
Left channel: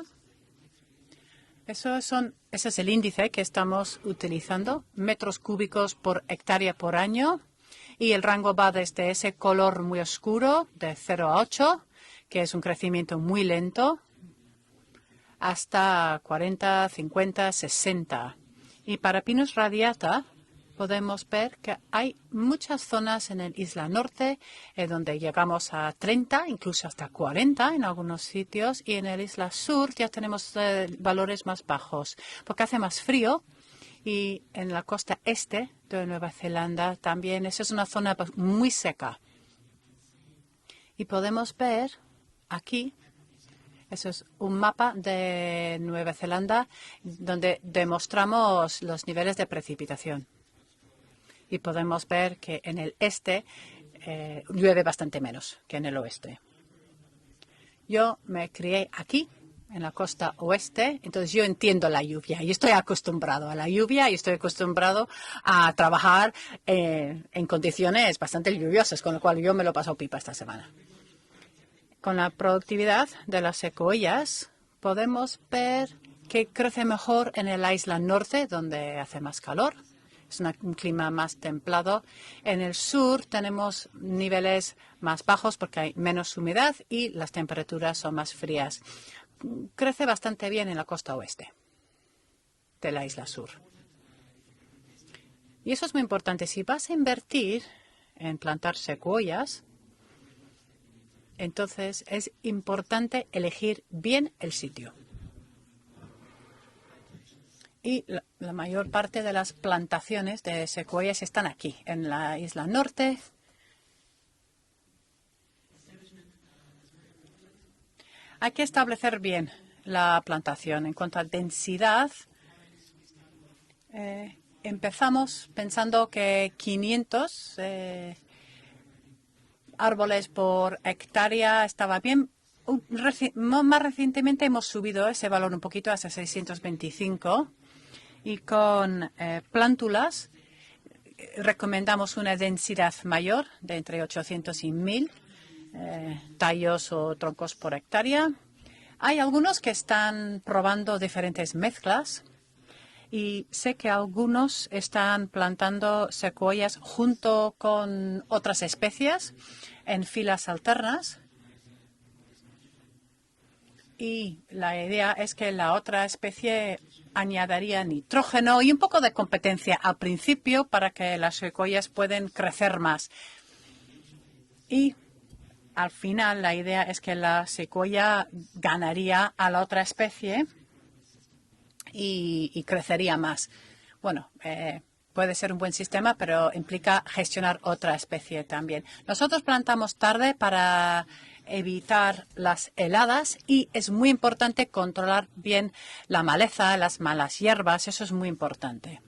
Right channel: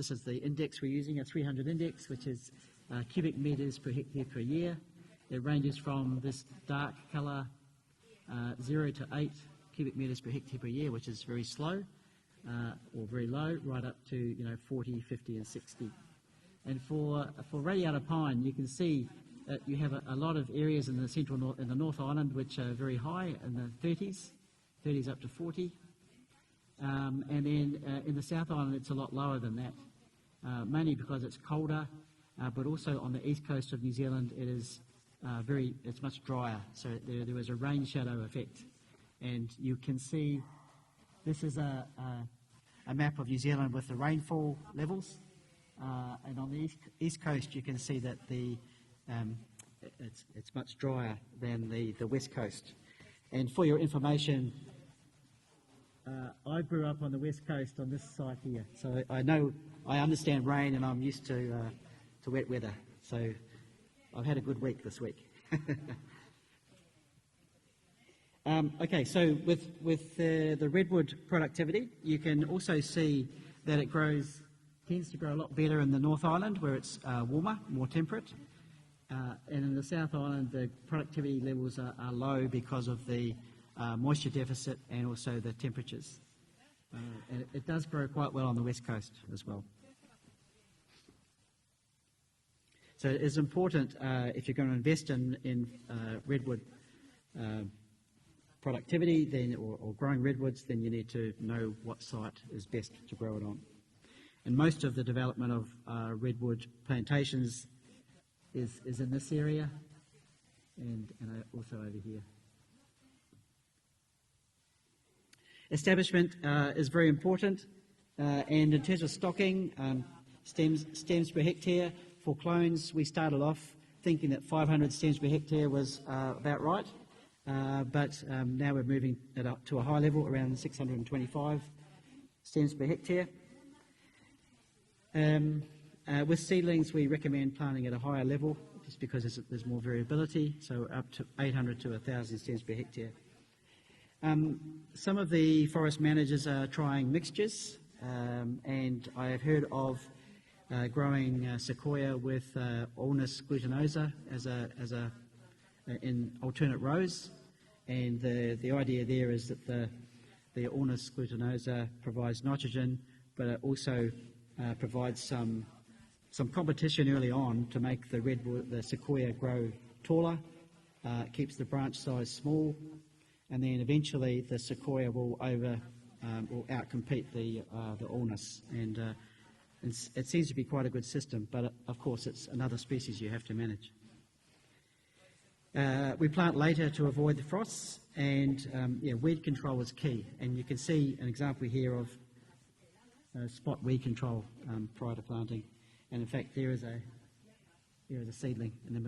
Ese es el índice que estamos utilizando, metros cúbicos por hectárea por año. y el rango va desde ese color muy oscuro de 0 a 8, que es un crecimiento muy lento, hasta 40, 50, 60. Y para Pinus radiata podemos ver que hay muchas zonas en el Isla Norte donde llegamos a 30, incluso hasta 40 en algunos sitios, y en el Isla Sur ya tenemos valores más bajos, porque hace más frío, y en la costa este de Nueva Zelanda también esa es una zona muy seca. Y podemos ver aquí, eso es un mapa de Nueva Zelanda donde demostramos los niveles de precipitación. Y podemos ver que en el este llueve bastante menos que en el oeste. Yo me crié aquí, en la costa oeste, entonces yo entiendo la lluvia. Y estoy acostumbrado a la lluvia y estoy acostumbrado a trabajar en condiciones bastante lluviosas, con lo cual yo me lo paso pipa esta semana. Con la productividad de las secuoyas podemos ver que crece mejor en la isla norte, donde hace más calor. Es un clima más templado. En el sur tenemos niveles más bajos porque hay menos humedad y las temperaturas son más frías. Crece bastante bien en la costa oeste de la isla sur. Y eso es muy importante. Si vas a invertir en plantar secuoyas, entonces es importante elegir bien el sitio. Y la mayor parte de las plantaciones de secuoyas están aquí, en la isla norte. Hay que establecer bien la plantación. En cuanto a densidad, empezamos pensando que 500 árboles por hectárea estaba bien. Más recientemente hemos subido ese valor un poquito hasta 625 y con plántulas recomendamos una densidad mayor de entre 800 y 1000 tallos o troncos por hectárea. Hay algunos que están probando diferentes mezclas y sé que algunos están plantando secuoyas junto con otras especies en filas alternas. Y la idea es que la otra especie añadiría nitrógeno y un poco de competencia al principio para que las secuoyas puedan crecer más. Y al final la idea es que la secuoya ganaría a la otra especie y crecería más. Bueno, puede ser un buen sistema, pero implica gestionar otra especie también. Nosotros plantamos tarde para evitar las heladas y es muy importante controlar bien la maleza, las malas hierbas. Eso es muy importante.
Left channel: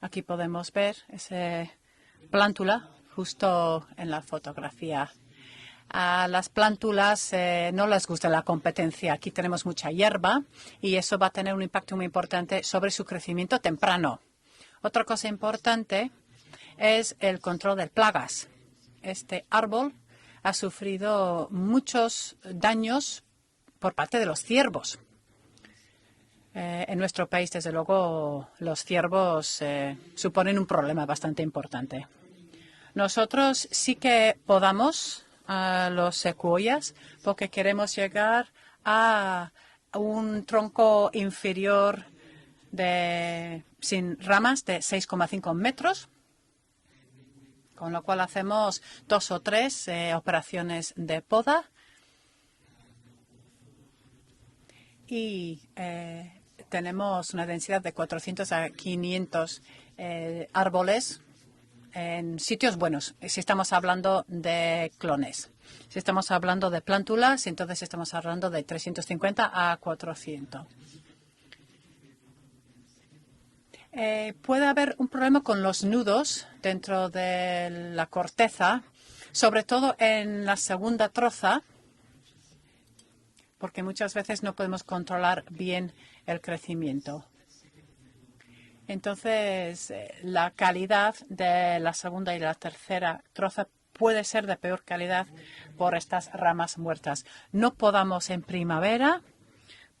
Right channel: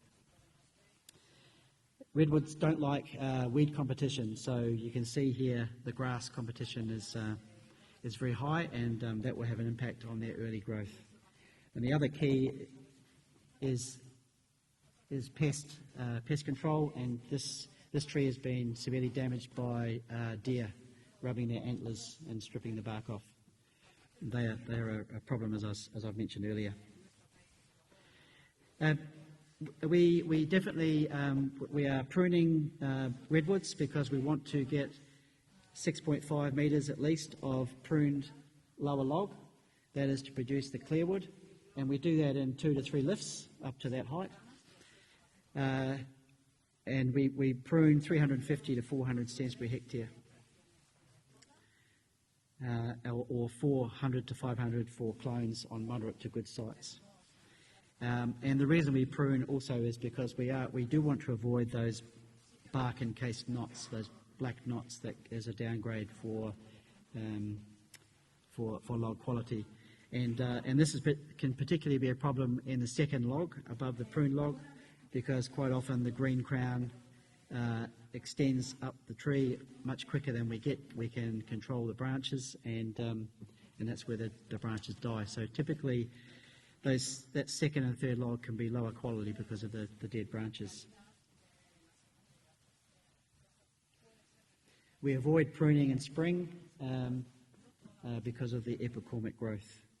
Aquí podemos ver ese plántula justo en la fotografía. A las plántulas no les gusta la competencia. Aquí tenemos mucha hierba y eso va a tener un impacto muy importante sobre su crecimiento temprano. Otra cosa importante es el control de plagas. Este árbol ha sufrido muchos daños por parte de los ciervos. En nuestro país, desde luego, los ciervos suponen un problema bastante importante. Nosotros sí que podamos los secuoyas porque queremos llegar a un tronco inferior sin ramas de 6,5 metros, con lo cual hacemos 2 o 3 operaciones de poda. Y tenemos una densidad de 400 a 500 árboles en sitios buenos, si estamos hablando de clones. Si estamos hablando de plántulas, entonces estamos hablando de 350 a 400. Puede haber un problema con los nudos dentro de la corteza, sobre todo en la segunda troza, porque muchas veces no podemos controlar bien el crecimiento. Entonces, la calidad de la segunda y la tercera troza puede ser de peor calidad por estas ramas muertas. No podamos en primavera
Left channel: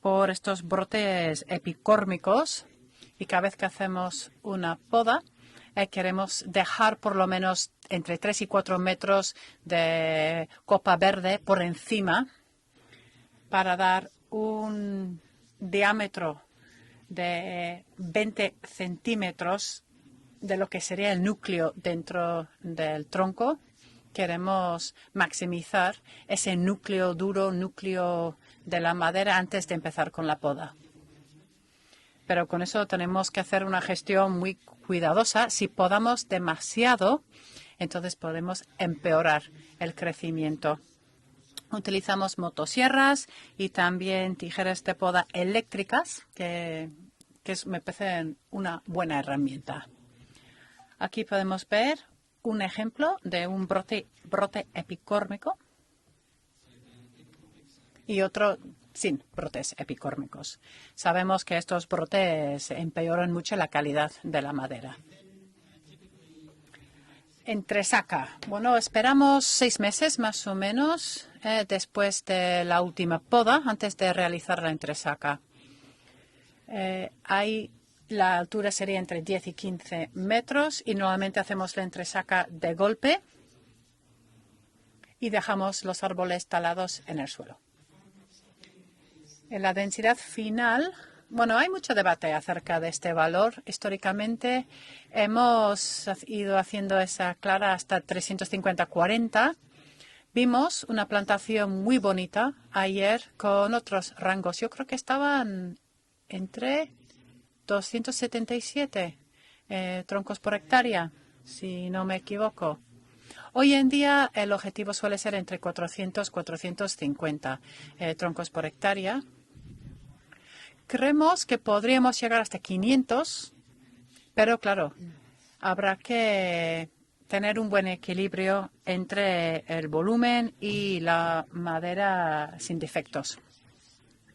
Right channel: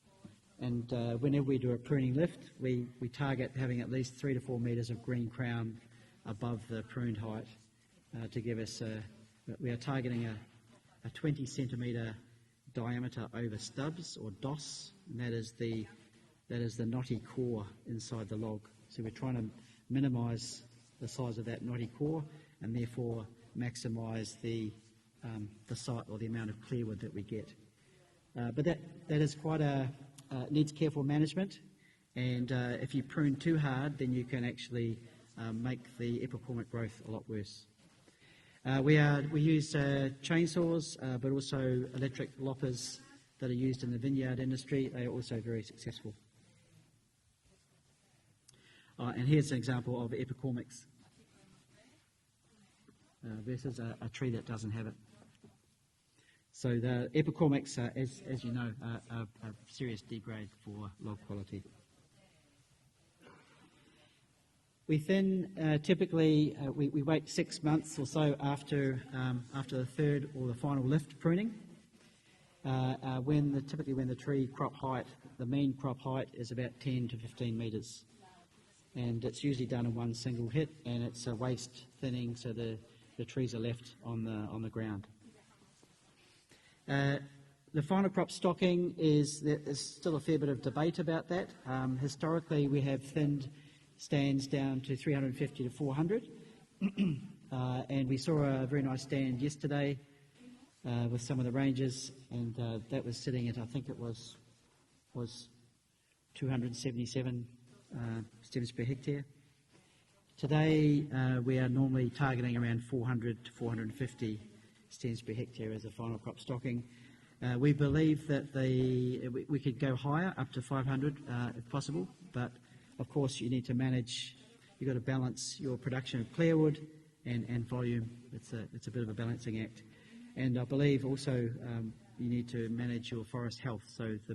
por estos brotes epicórmicos y cada vez que hacemos una poda queremos dejar por lo menos entre 3 y 4 metros de copa verde por encima para dar un diámetro de 20 centímetros de lo que sería el núcleo dentro del tronco. Queremos maximizar ese núcleo duro, núcleo de la madera antes de empezar con la poda. Pero con eso tenemos que hacer una gestión muy cuidadosa. Si podamos demasiado, entonces podemos empeorar el crecimiento. Utilizamos motosierras y también tijeras de poda eléctricas, que me parecen una buena herramienta. Aquí podemos ver un ejemplo de un brote epicórmico y otro sin brotes epicórmicos. Sabemos que estos brotes empeoran mucho la calidad de la madera. Entresaca. Bueno, esperamos 6 meses más o menos después de la última poda, antes de realizar la entresaca. La altura sería entre 10 y 15 metros y normalmente hacemos la entresaca de golpe y dejamos los árboles talados en el suelo. La densidad final, bueno, hay mucho debate acerca de este valor. Históricamente hemos ido haciendo esa clara hasta 350-40. Vimos una plantación muy bonita ayer con otros rangos. Yo creo que estaban entre 277 troncos por hectárea, si no me equivoco. Hoy en día el objetivo suele ser entre 400 y 450 troncos por hectárea. Creemos que podríamos llegar hasta 500, pero claro, habrá que tener un buen equilibrio entre el volumen y la madera sin defectos.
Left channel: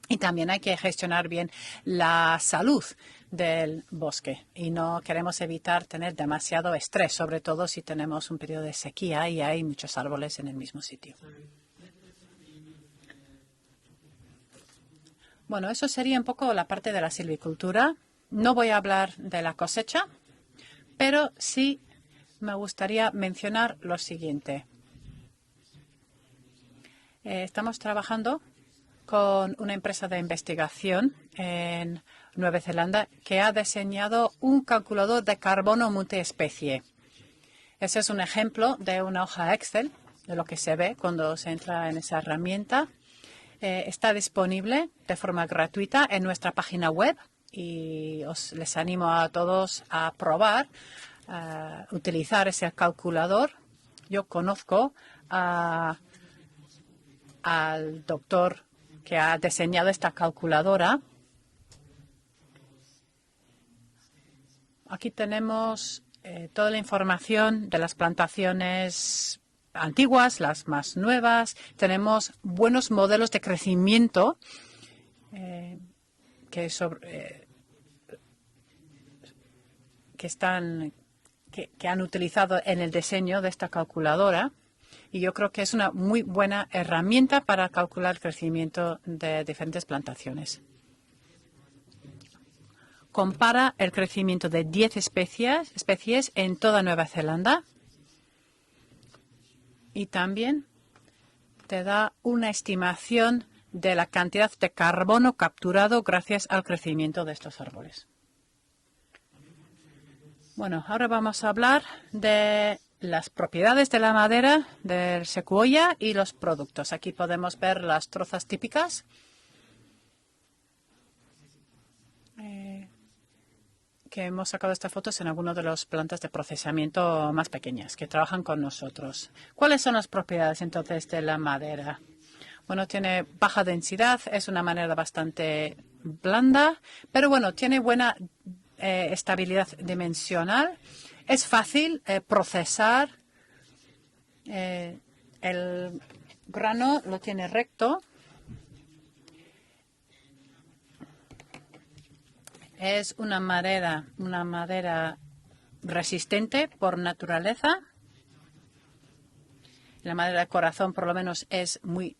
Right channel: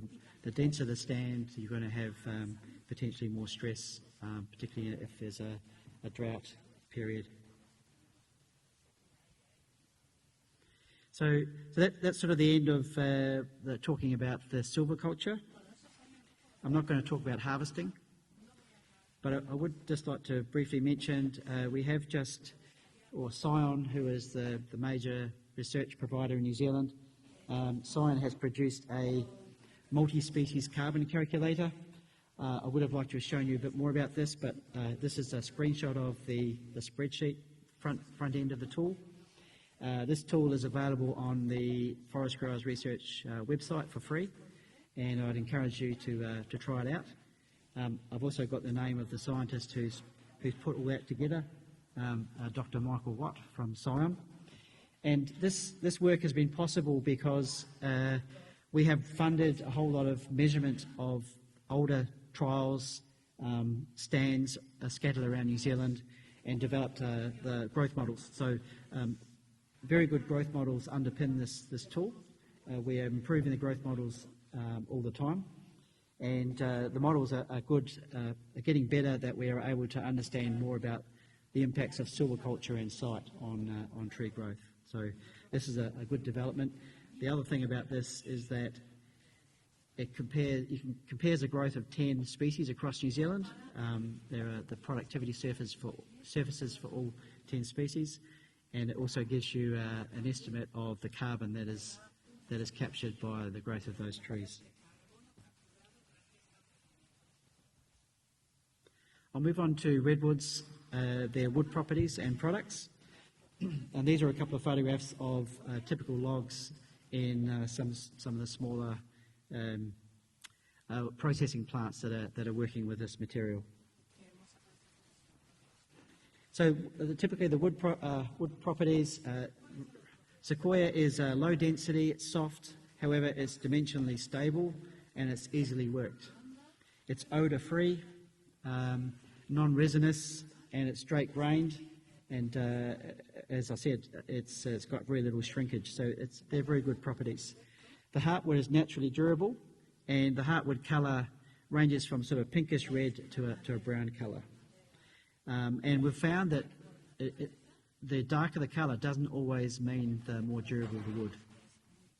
Y también hay que gestionar bien la salud del bosque y no queremos evitar tener demasiado estrés, sobre todo si tenemos un periodo de sequía y hay muchos árboles en el mismo sitio. Bueno, eso sería un poco la parte de la silvicultura. No voy a hablar de la cosecha, pero sí me gustaría mencionar lo siguiente. Estamos trabajando con una empresa de investigación en Nueva Zelanda que ha diseñado un calculador de carbono multiespecie. Ese es un ejemplo de una hoja Excel, de lo que se ve cuando se entra en esa herramienta. Está disponible de forma gratuita en nuestra página web. Y les animo a todos a probar, a utilizar ese calculador. Yo conozco al doctor que ha diseñado esta calculadora. Aquí tenemos toda la información de las plantaciones antiguas, las más nuevas. Tenemos buenos modelos de crecimiento que han utilizado en el diseño de esta calculadora. Y yo creo que es una muy buena herramienta para calcular el crecimiento de diferentes plantaciones. Compara el crecimiento de 10 especies en toda Nueva Zelanda. Y también te da una estimación de la cantidad de carbono capturado gracias al crecimiento de estos árboles. Bueno, ahora vamos a hablar de las propiedades de la madera, del secuoya y los productos. Aquí podemos ver las trozas típicas. Que hemos sacado estas fotos en algunas de las plantas de procesamiento más pequeñas que trabajan con nosotros. ¿Cuáles son las propiedades entonces de la madera? Bueno, tiene baja densidad, es una madera bastante blanda, pero bueno, tiene buena estabilidad dimensional, es fácil procesar. El grano lo tiene recto. Es una madera resistente por naturaleza. La madera de corazón, por lo menos, es muy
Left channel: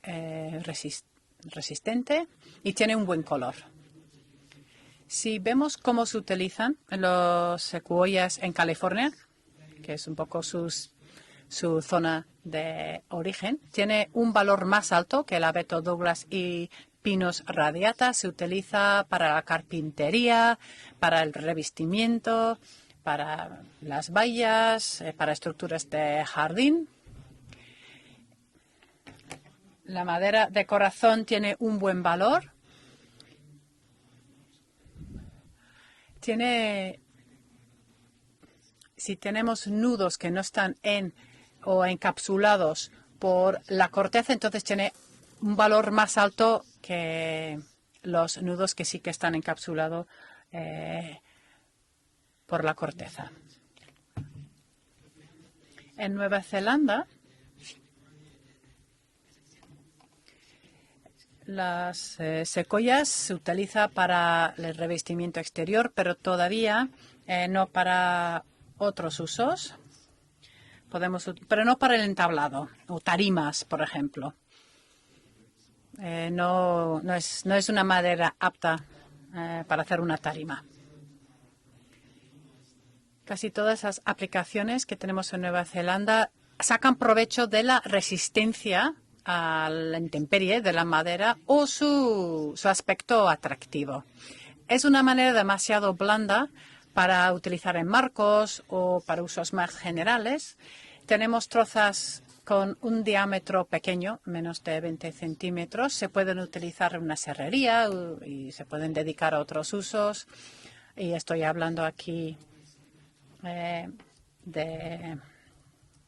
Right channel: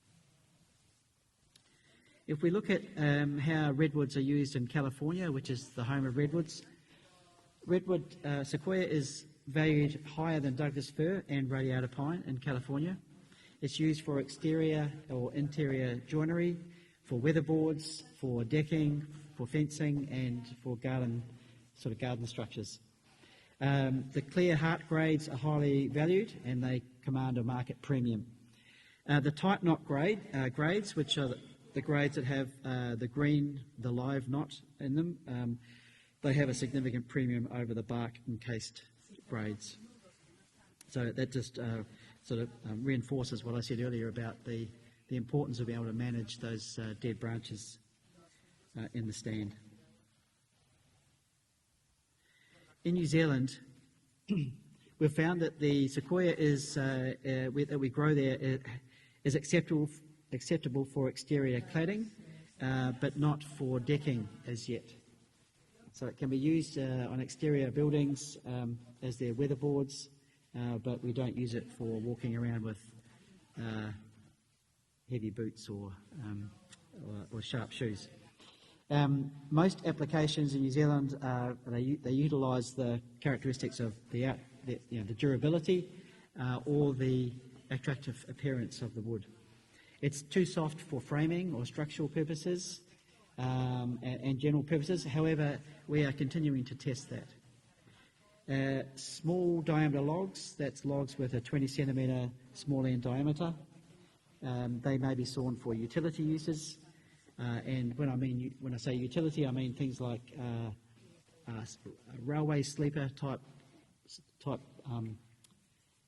resistente If we look y at tiene un buen color. how redwoods are used in California, Si which is vemos the cómo home se of redwoods, utilizan los secuoyas en sequoia California, is valued que es un higher poco than Douglas fir and su radiata zona pine in California. de origen, It's tiene used for un valor exterior más alto or que el abeto interior Douglas joinery, y for pinos weatherboards, radiata. Se for utiliza decking, para la for fencing, carpintería, and for garden- para el sort of garden revestimiento, structures. para las The clear heart vallas, grades para are estructuras highly de valued and jardín. they command a market premium. The tight knot La grade, madera de grades, corazón which are tiene un the buen grades that valor. have, the green, the live knot in them, they Tiene- have a significant premium over the bark encased. Si tenemos grades. nudos que no están en So that just, o encapsulados reinforces what I por said la earlier corteza, about entonces tiene the importance un of valor our más drainage alto as, dead que branches. los nudos que sí in que the están stand. encapsulados por la In New corteza. Zealand, we've found that the sequoia Nueva Zelanda, that we grow there is acceptable for exterior cladding. Las secuoyas but se not utiliza for para decking as el yet. revestimiento exterior, pero It can be todavía used, on exterior no para buildings, otros with usos. weatherboards, but we Podemos, don't use pero it no para for el walking around entablado with, o tarimas, por ejemplo. heavy boots or, No es una madera apta most para hacer una applications tarima. in New Zealand, they utilize the Casi characteristics todas of las the out- aplicaciones que the tenemos en Nueva durability, Zelanda or sacan the provecho de la refractive resistencia appearance of the wood. a la It's intemperie too de la soft for madera framing o and structural su purposes, aspecto atractivo. and general Es una purposes. manera However, demasiado we are blanda continuing to test para it. utilizar en marcos o para Small usos más diameter generales. logs, that's logs Tenemos with a 20 trozas centimeter con small un in diámetro pequeño, menos de They may 20 be sawn for centímetros. Se utility pueden uses. utilizar en una serrería And when I mean- y se when I pueden say dedicar a utility, I otros mean things usos. like, Y estoy hablando aquí railway sleeper type de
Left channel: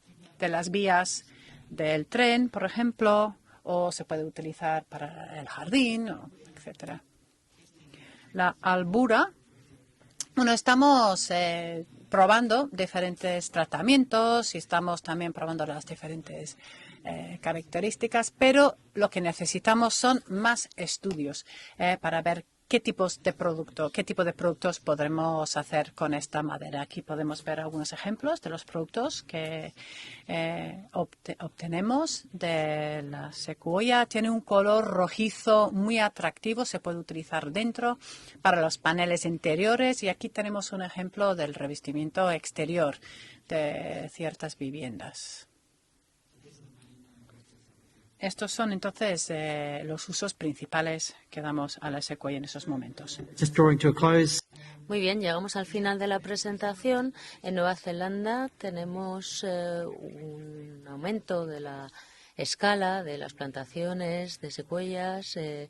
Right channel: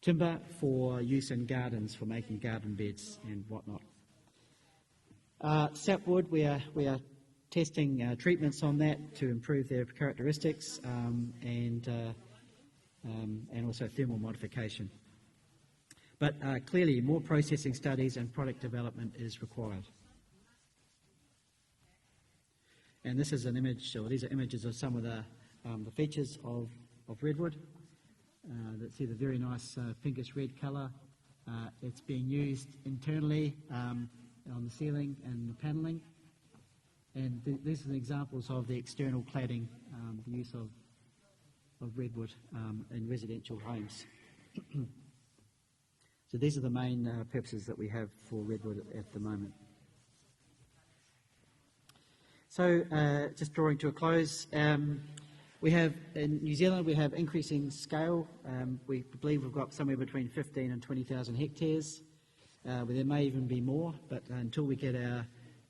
timber de las for vías use in gardens, for del making tren, por garden ejemplo, beds and whatnot. o se puede utilizar para el jardín. Sapwood, we etcétera. are testing treatments La on that albura, to improve their characteristics. Bueno, estamos and, probando diferentes also tratamientos y demo estamos también probando las diferentes clearly more processing características, studies and product pero development lo que is necesitamos son más estudios para ver qué tipos And de this is an producto, image, qué or tipo these de images of productos some of the podremos hacer con features esta of madera. Aquí of podemos redwood. ver algunos ejemplos de los productos very que nice, pinkish red colour. obtenemos It's being de used la internally, secuoya. Tiene un color in rojizo panels. muy atractivo, se puede utilizar these dentro are examples para of los the paneles external cladding, interiores y aquí used tenemos on- un ejemplo del revestimiento redwood, exterior in residential de homes. ciertas viviendas. So these are the main purposes that we have for Estos son redwood at the entonces moment. los usos principales que damos a la secuoya en estos So, momentos. just drawing to a close, Muy bien, llegamos al we final have- de la in New Zealand we presentación. have increasing En Nueva scale, Zelanda we tenemos believe we've got somewhere between 15 and un 20,000 aumento de la hectares. escala There de may las even be more, plantaciones but de until we get our, secuoyas.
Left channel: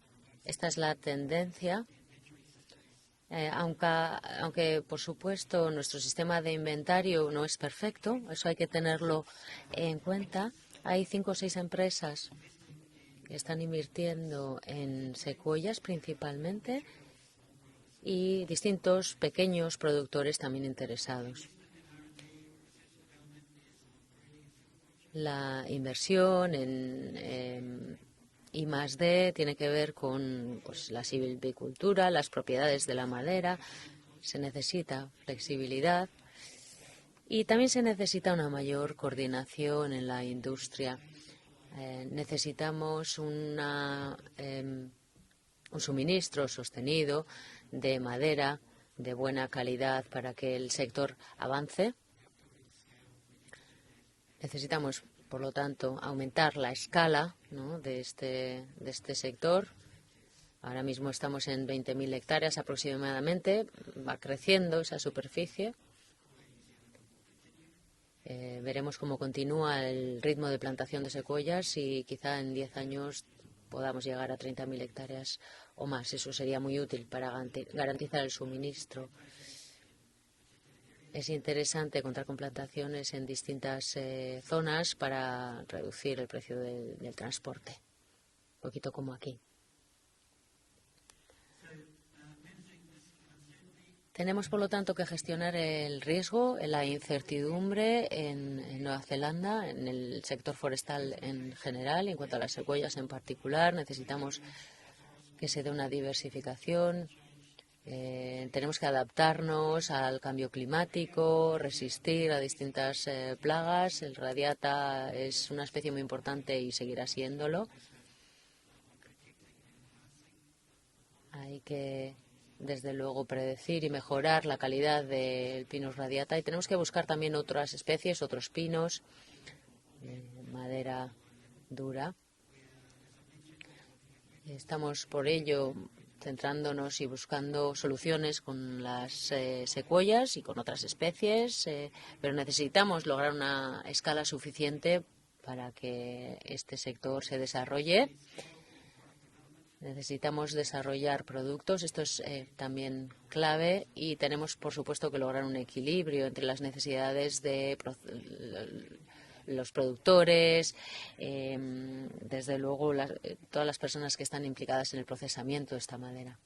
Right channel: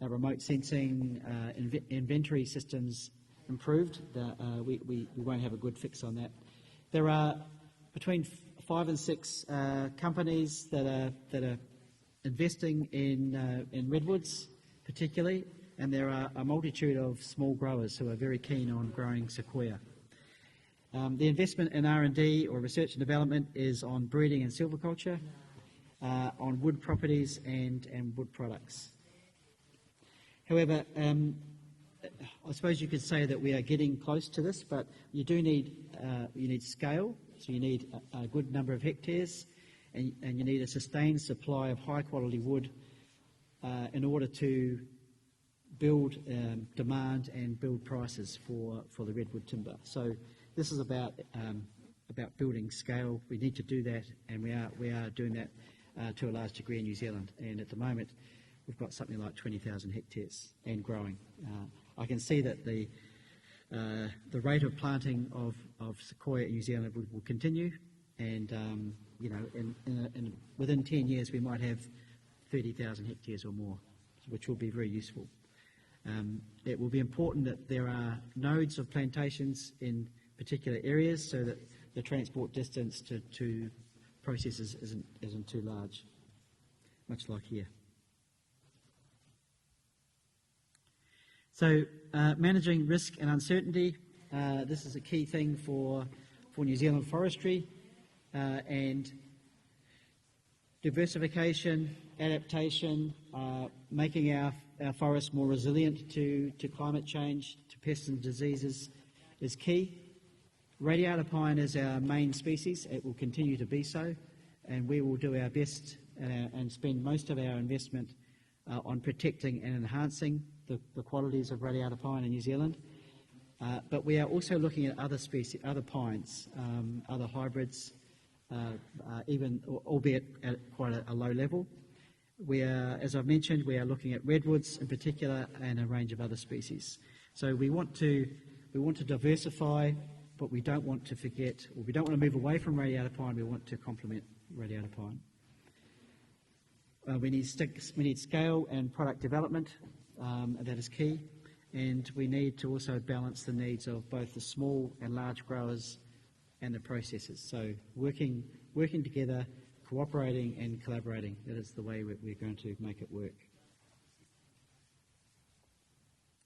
our remote Esta es la sensing, tendencia. inventory systems Aunque, improved, por we won't have a supuesto, good nuestro fix on sistema that. de inventario There are no es perfecto, between eso hay que 5 and tenerlo 6, en cuenta. companies that Hay are- 5 o that 6 are empresas investing in, que están in redwoods, invirtiendo en particularly, secuoyas and there are a principalmente multitude of small growers who are very y keen on distintos growing pequeños sequoia. productores también The interesados. investment in R&D or research and development is on breeding and silviculture, La inversión on wood en properties and wood products. I+D tiene que ver con However, la silvicultura, las I suppose propiedades you de could la say that we madera. are getting close Se to this, but necesita you do need, flexibilidad you need scale. Y So también you se need a necesita good una number of mayor hectares, coordinación en la and you need a industria. sustained supply of high quality wood Necesitamos in order to un suministro sostenido demand and build de prices madera for de the buena redwood timber. calidad So para que el this is sector about, avance. about building scale. We need to do that, and we Necesitamos, are doing por that, lo tanto, to a aumentar large la degree in New escala, Zealand. And ¿no?, at the de moment, este we've got something like sector. 20,000 hectares and Ahora mismo growing. estamos en I 20.000 can see hectáreas that the, aproximadamente. Va the rate of creciendo esa planting superficie. of sequoia in New Zealand will continue. And, Veremos cómo you know, continúa el ritmo de within plantación 10 de years we might secuoyas have y quizá en 10 30,000 años hectares or more, podamos llegar a which will be 30.000 very useful. hectáreas o más. Eso sería It muy will be útil para important that there are garantizar el nodes of suministro. plantations in particular areas Es so that interesante the contar con transport plantaciones distance en to distintas processes zonas isn't para too large. reducir el precio del Looks like transporte. yes. Un poquito como aquí. So, managing risk and uncertainty. Tenemos, por lo this tanto, is que a key gestionar thing el for riesgo, New la Zealand forestry, incertidumbre en Nueva and Zelanda, en el sector forestal en diversification, general, y en cuanto a las secuoyas en adaptation, particular. Necesitamos making our forests more que se dé una resilient to diversificación. climate change, to pests and diseases. Tenemos que is adaptarnos key. al cambio Radiata climático, pine is our resistir main a species. distintas It will continue to be plagas. so, El and we radiata will do es our una best, especie muy importante and y spend seguirá most of our siéndolo. investment on protecting and enhancing the qualities of Radiata pine in New Zealand. Desde luego predecir y mejorar la calidad del Pinus radiata, y tenemos que buscar también otras especies, otros pinos, albeit at madera a low level. dura. As I've mentioned, we are looking at redwoods in Estamos por particular ello and a range of other centrándonos species. y So we buscando want soluciones we con want to las diversify, secuoyas y but con we otras don't want to especies, forget- we don't want to pero move away from necesitamos Radiata lograr pine, we una need to escala complement suficiente Radiata pine. para que este We sector se need desarrolle. scale and product development. Necesitamos That is desarrollar key. productos, esto And es we need to also también balance the clave, needs of y both the tenemos por small supuesto and que large lograr un growers equilibrio entre las and the necesidades de processes. So working together, los cooperating productores, and collaborating is the way we're desde going to luego make it work. todas las personas que están implicadas en el procesamiento de esta madera.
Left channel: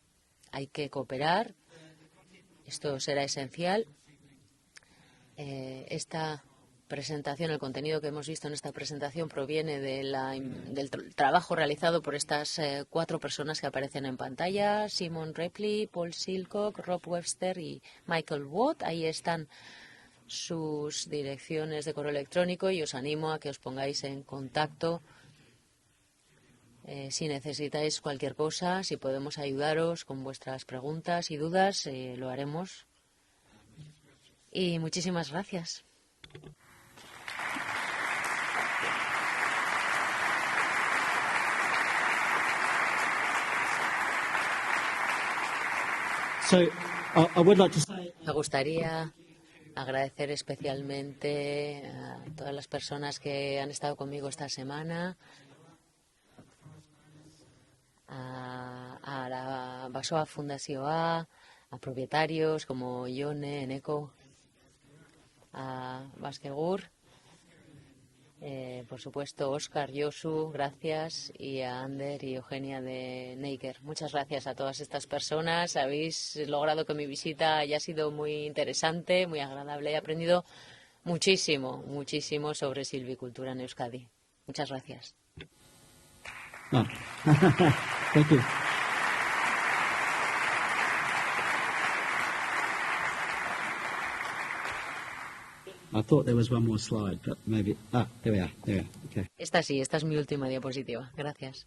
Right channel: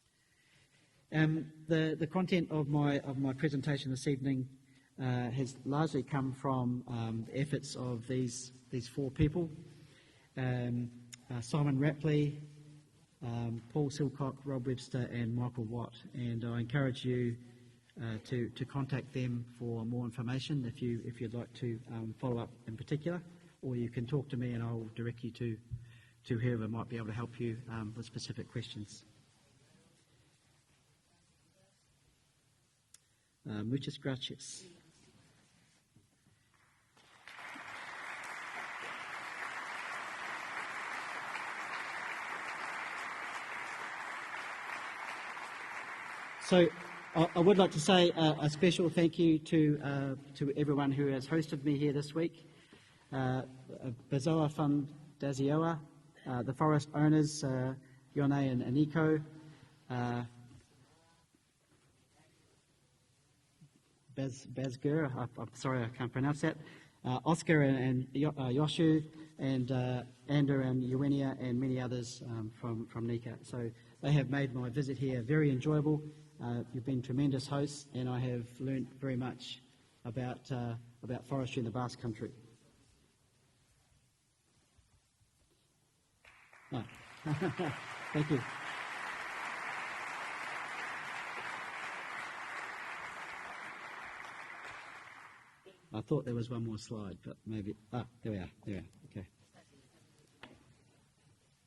Hay que cooperar. The content of Esto my será esencial. presentation this evening has largely come Esta from presentación, el efforts contenido of que hemos these- visto en esta these four presentación people. proviene de del trabajo Simon realizado por Ripley, estas 4 personas que Paul aparecen en Silcock, pantalla: Rob Webster, Simon and Michael Ripley, Watt. Paul And I Silcock, encourage Rob you, Webster y Michael to Watt. contact Ahí them están for more information sus if you'd like direcciones to, de correo follow up electrónico, in y os particular, animo a que os or you pongáis can en talk to me and contacto I'll direct you to whoever might be able to si help you, necesitáis with cualquier specific cosa. questions. Si podemos ayudaros con vuestras preguntas y dudas, lo haremos. Muchas gracias. Y muchísimas gracias. So, I would like to say Me a special gustaría thank you to agradecer everyone who has hosted me here especialmente this week. a todas las personas que han estado conmigo Dazoa esta from semana, Dazioa, the forest owners, Yone and Nico. a la Baxoa Fundazioa, a propietarios como Ione, Eneko, Bezgur, I'm sorry, I can't pronounce that. Baztegur, Oscar and Yoshu. por supuesto, and, Oscar, Yosu, Ander and gracias, Eugenia and y a many Ander others, y Eugenia from de NACAP. Neiker. So Muchas they have gracias a made my todas visit estas here very personas. enjoyable. Habéis logrado I've que been mi tremendous visita haya host, sido and I muy have learned interesante, very muy much agradable. He aprendido about, forestry in muchísimo, the Basque Country. muchísimo sobre silvicultura en Euskadi. Muchas gracias. Oh. Thank you. I thought there was one more slide, but maybe... there we are. Okay. Esta sí, esta es mi última diapositiva. Gracias.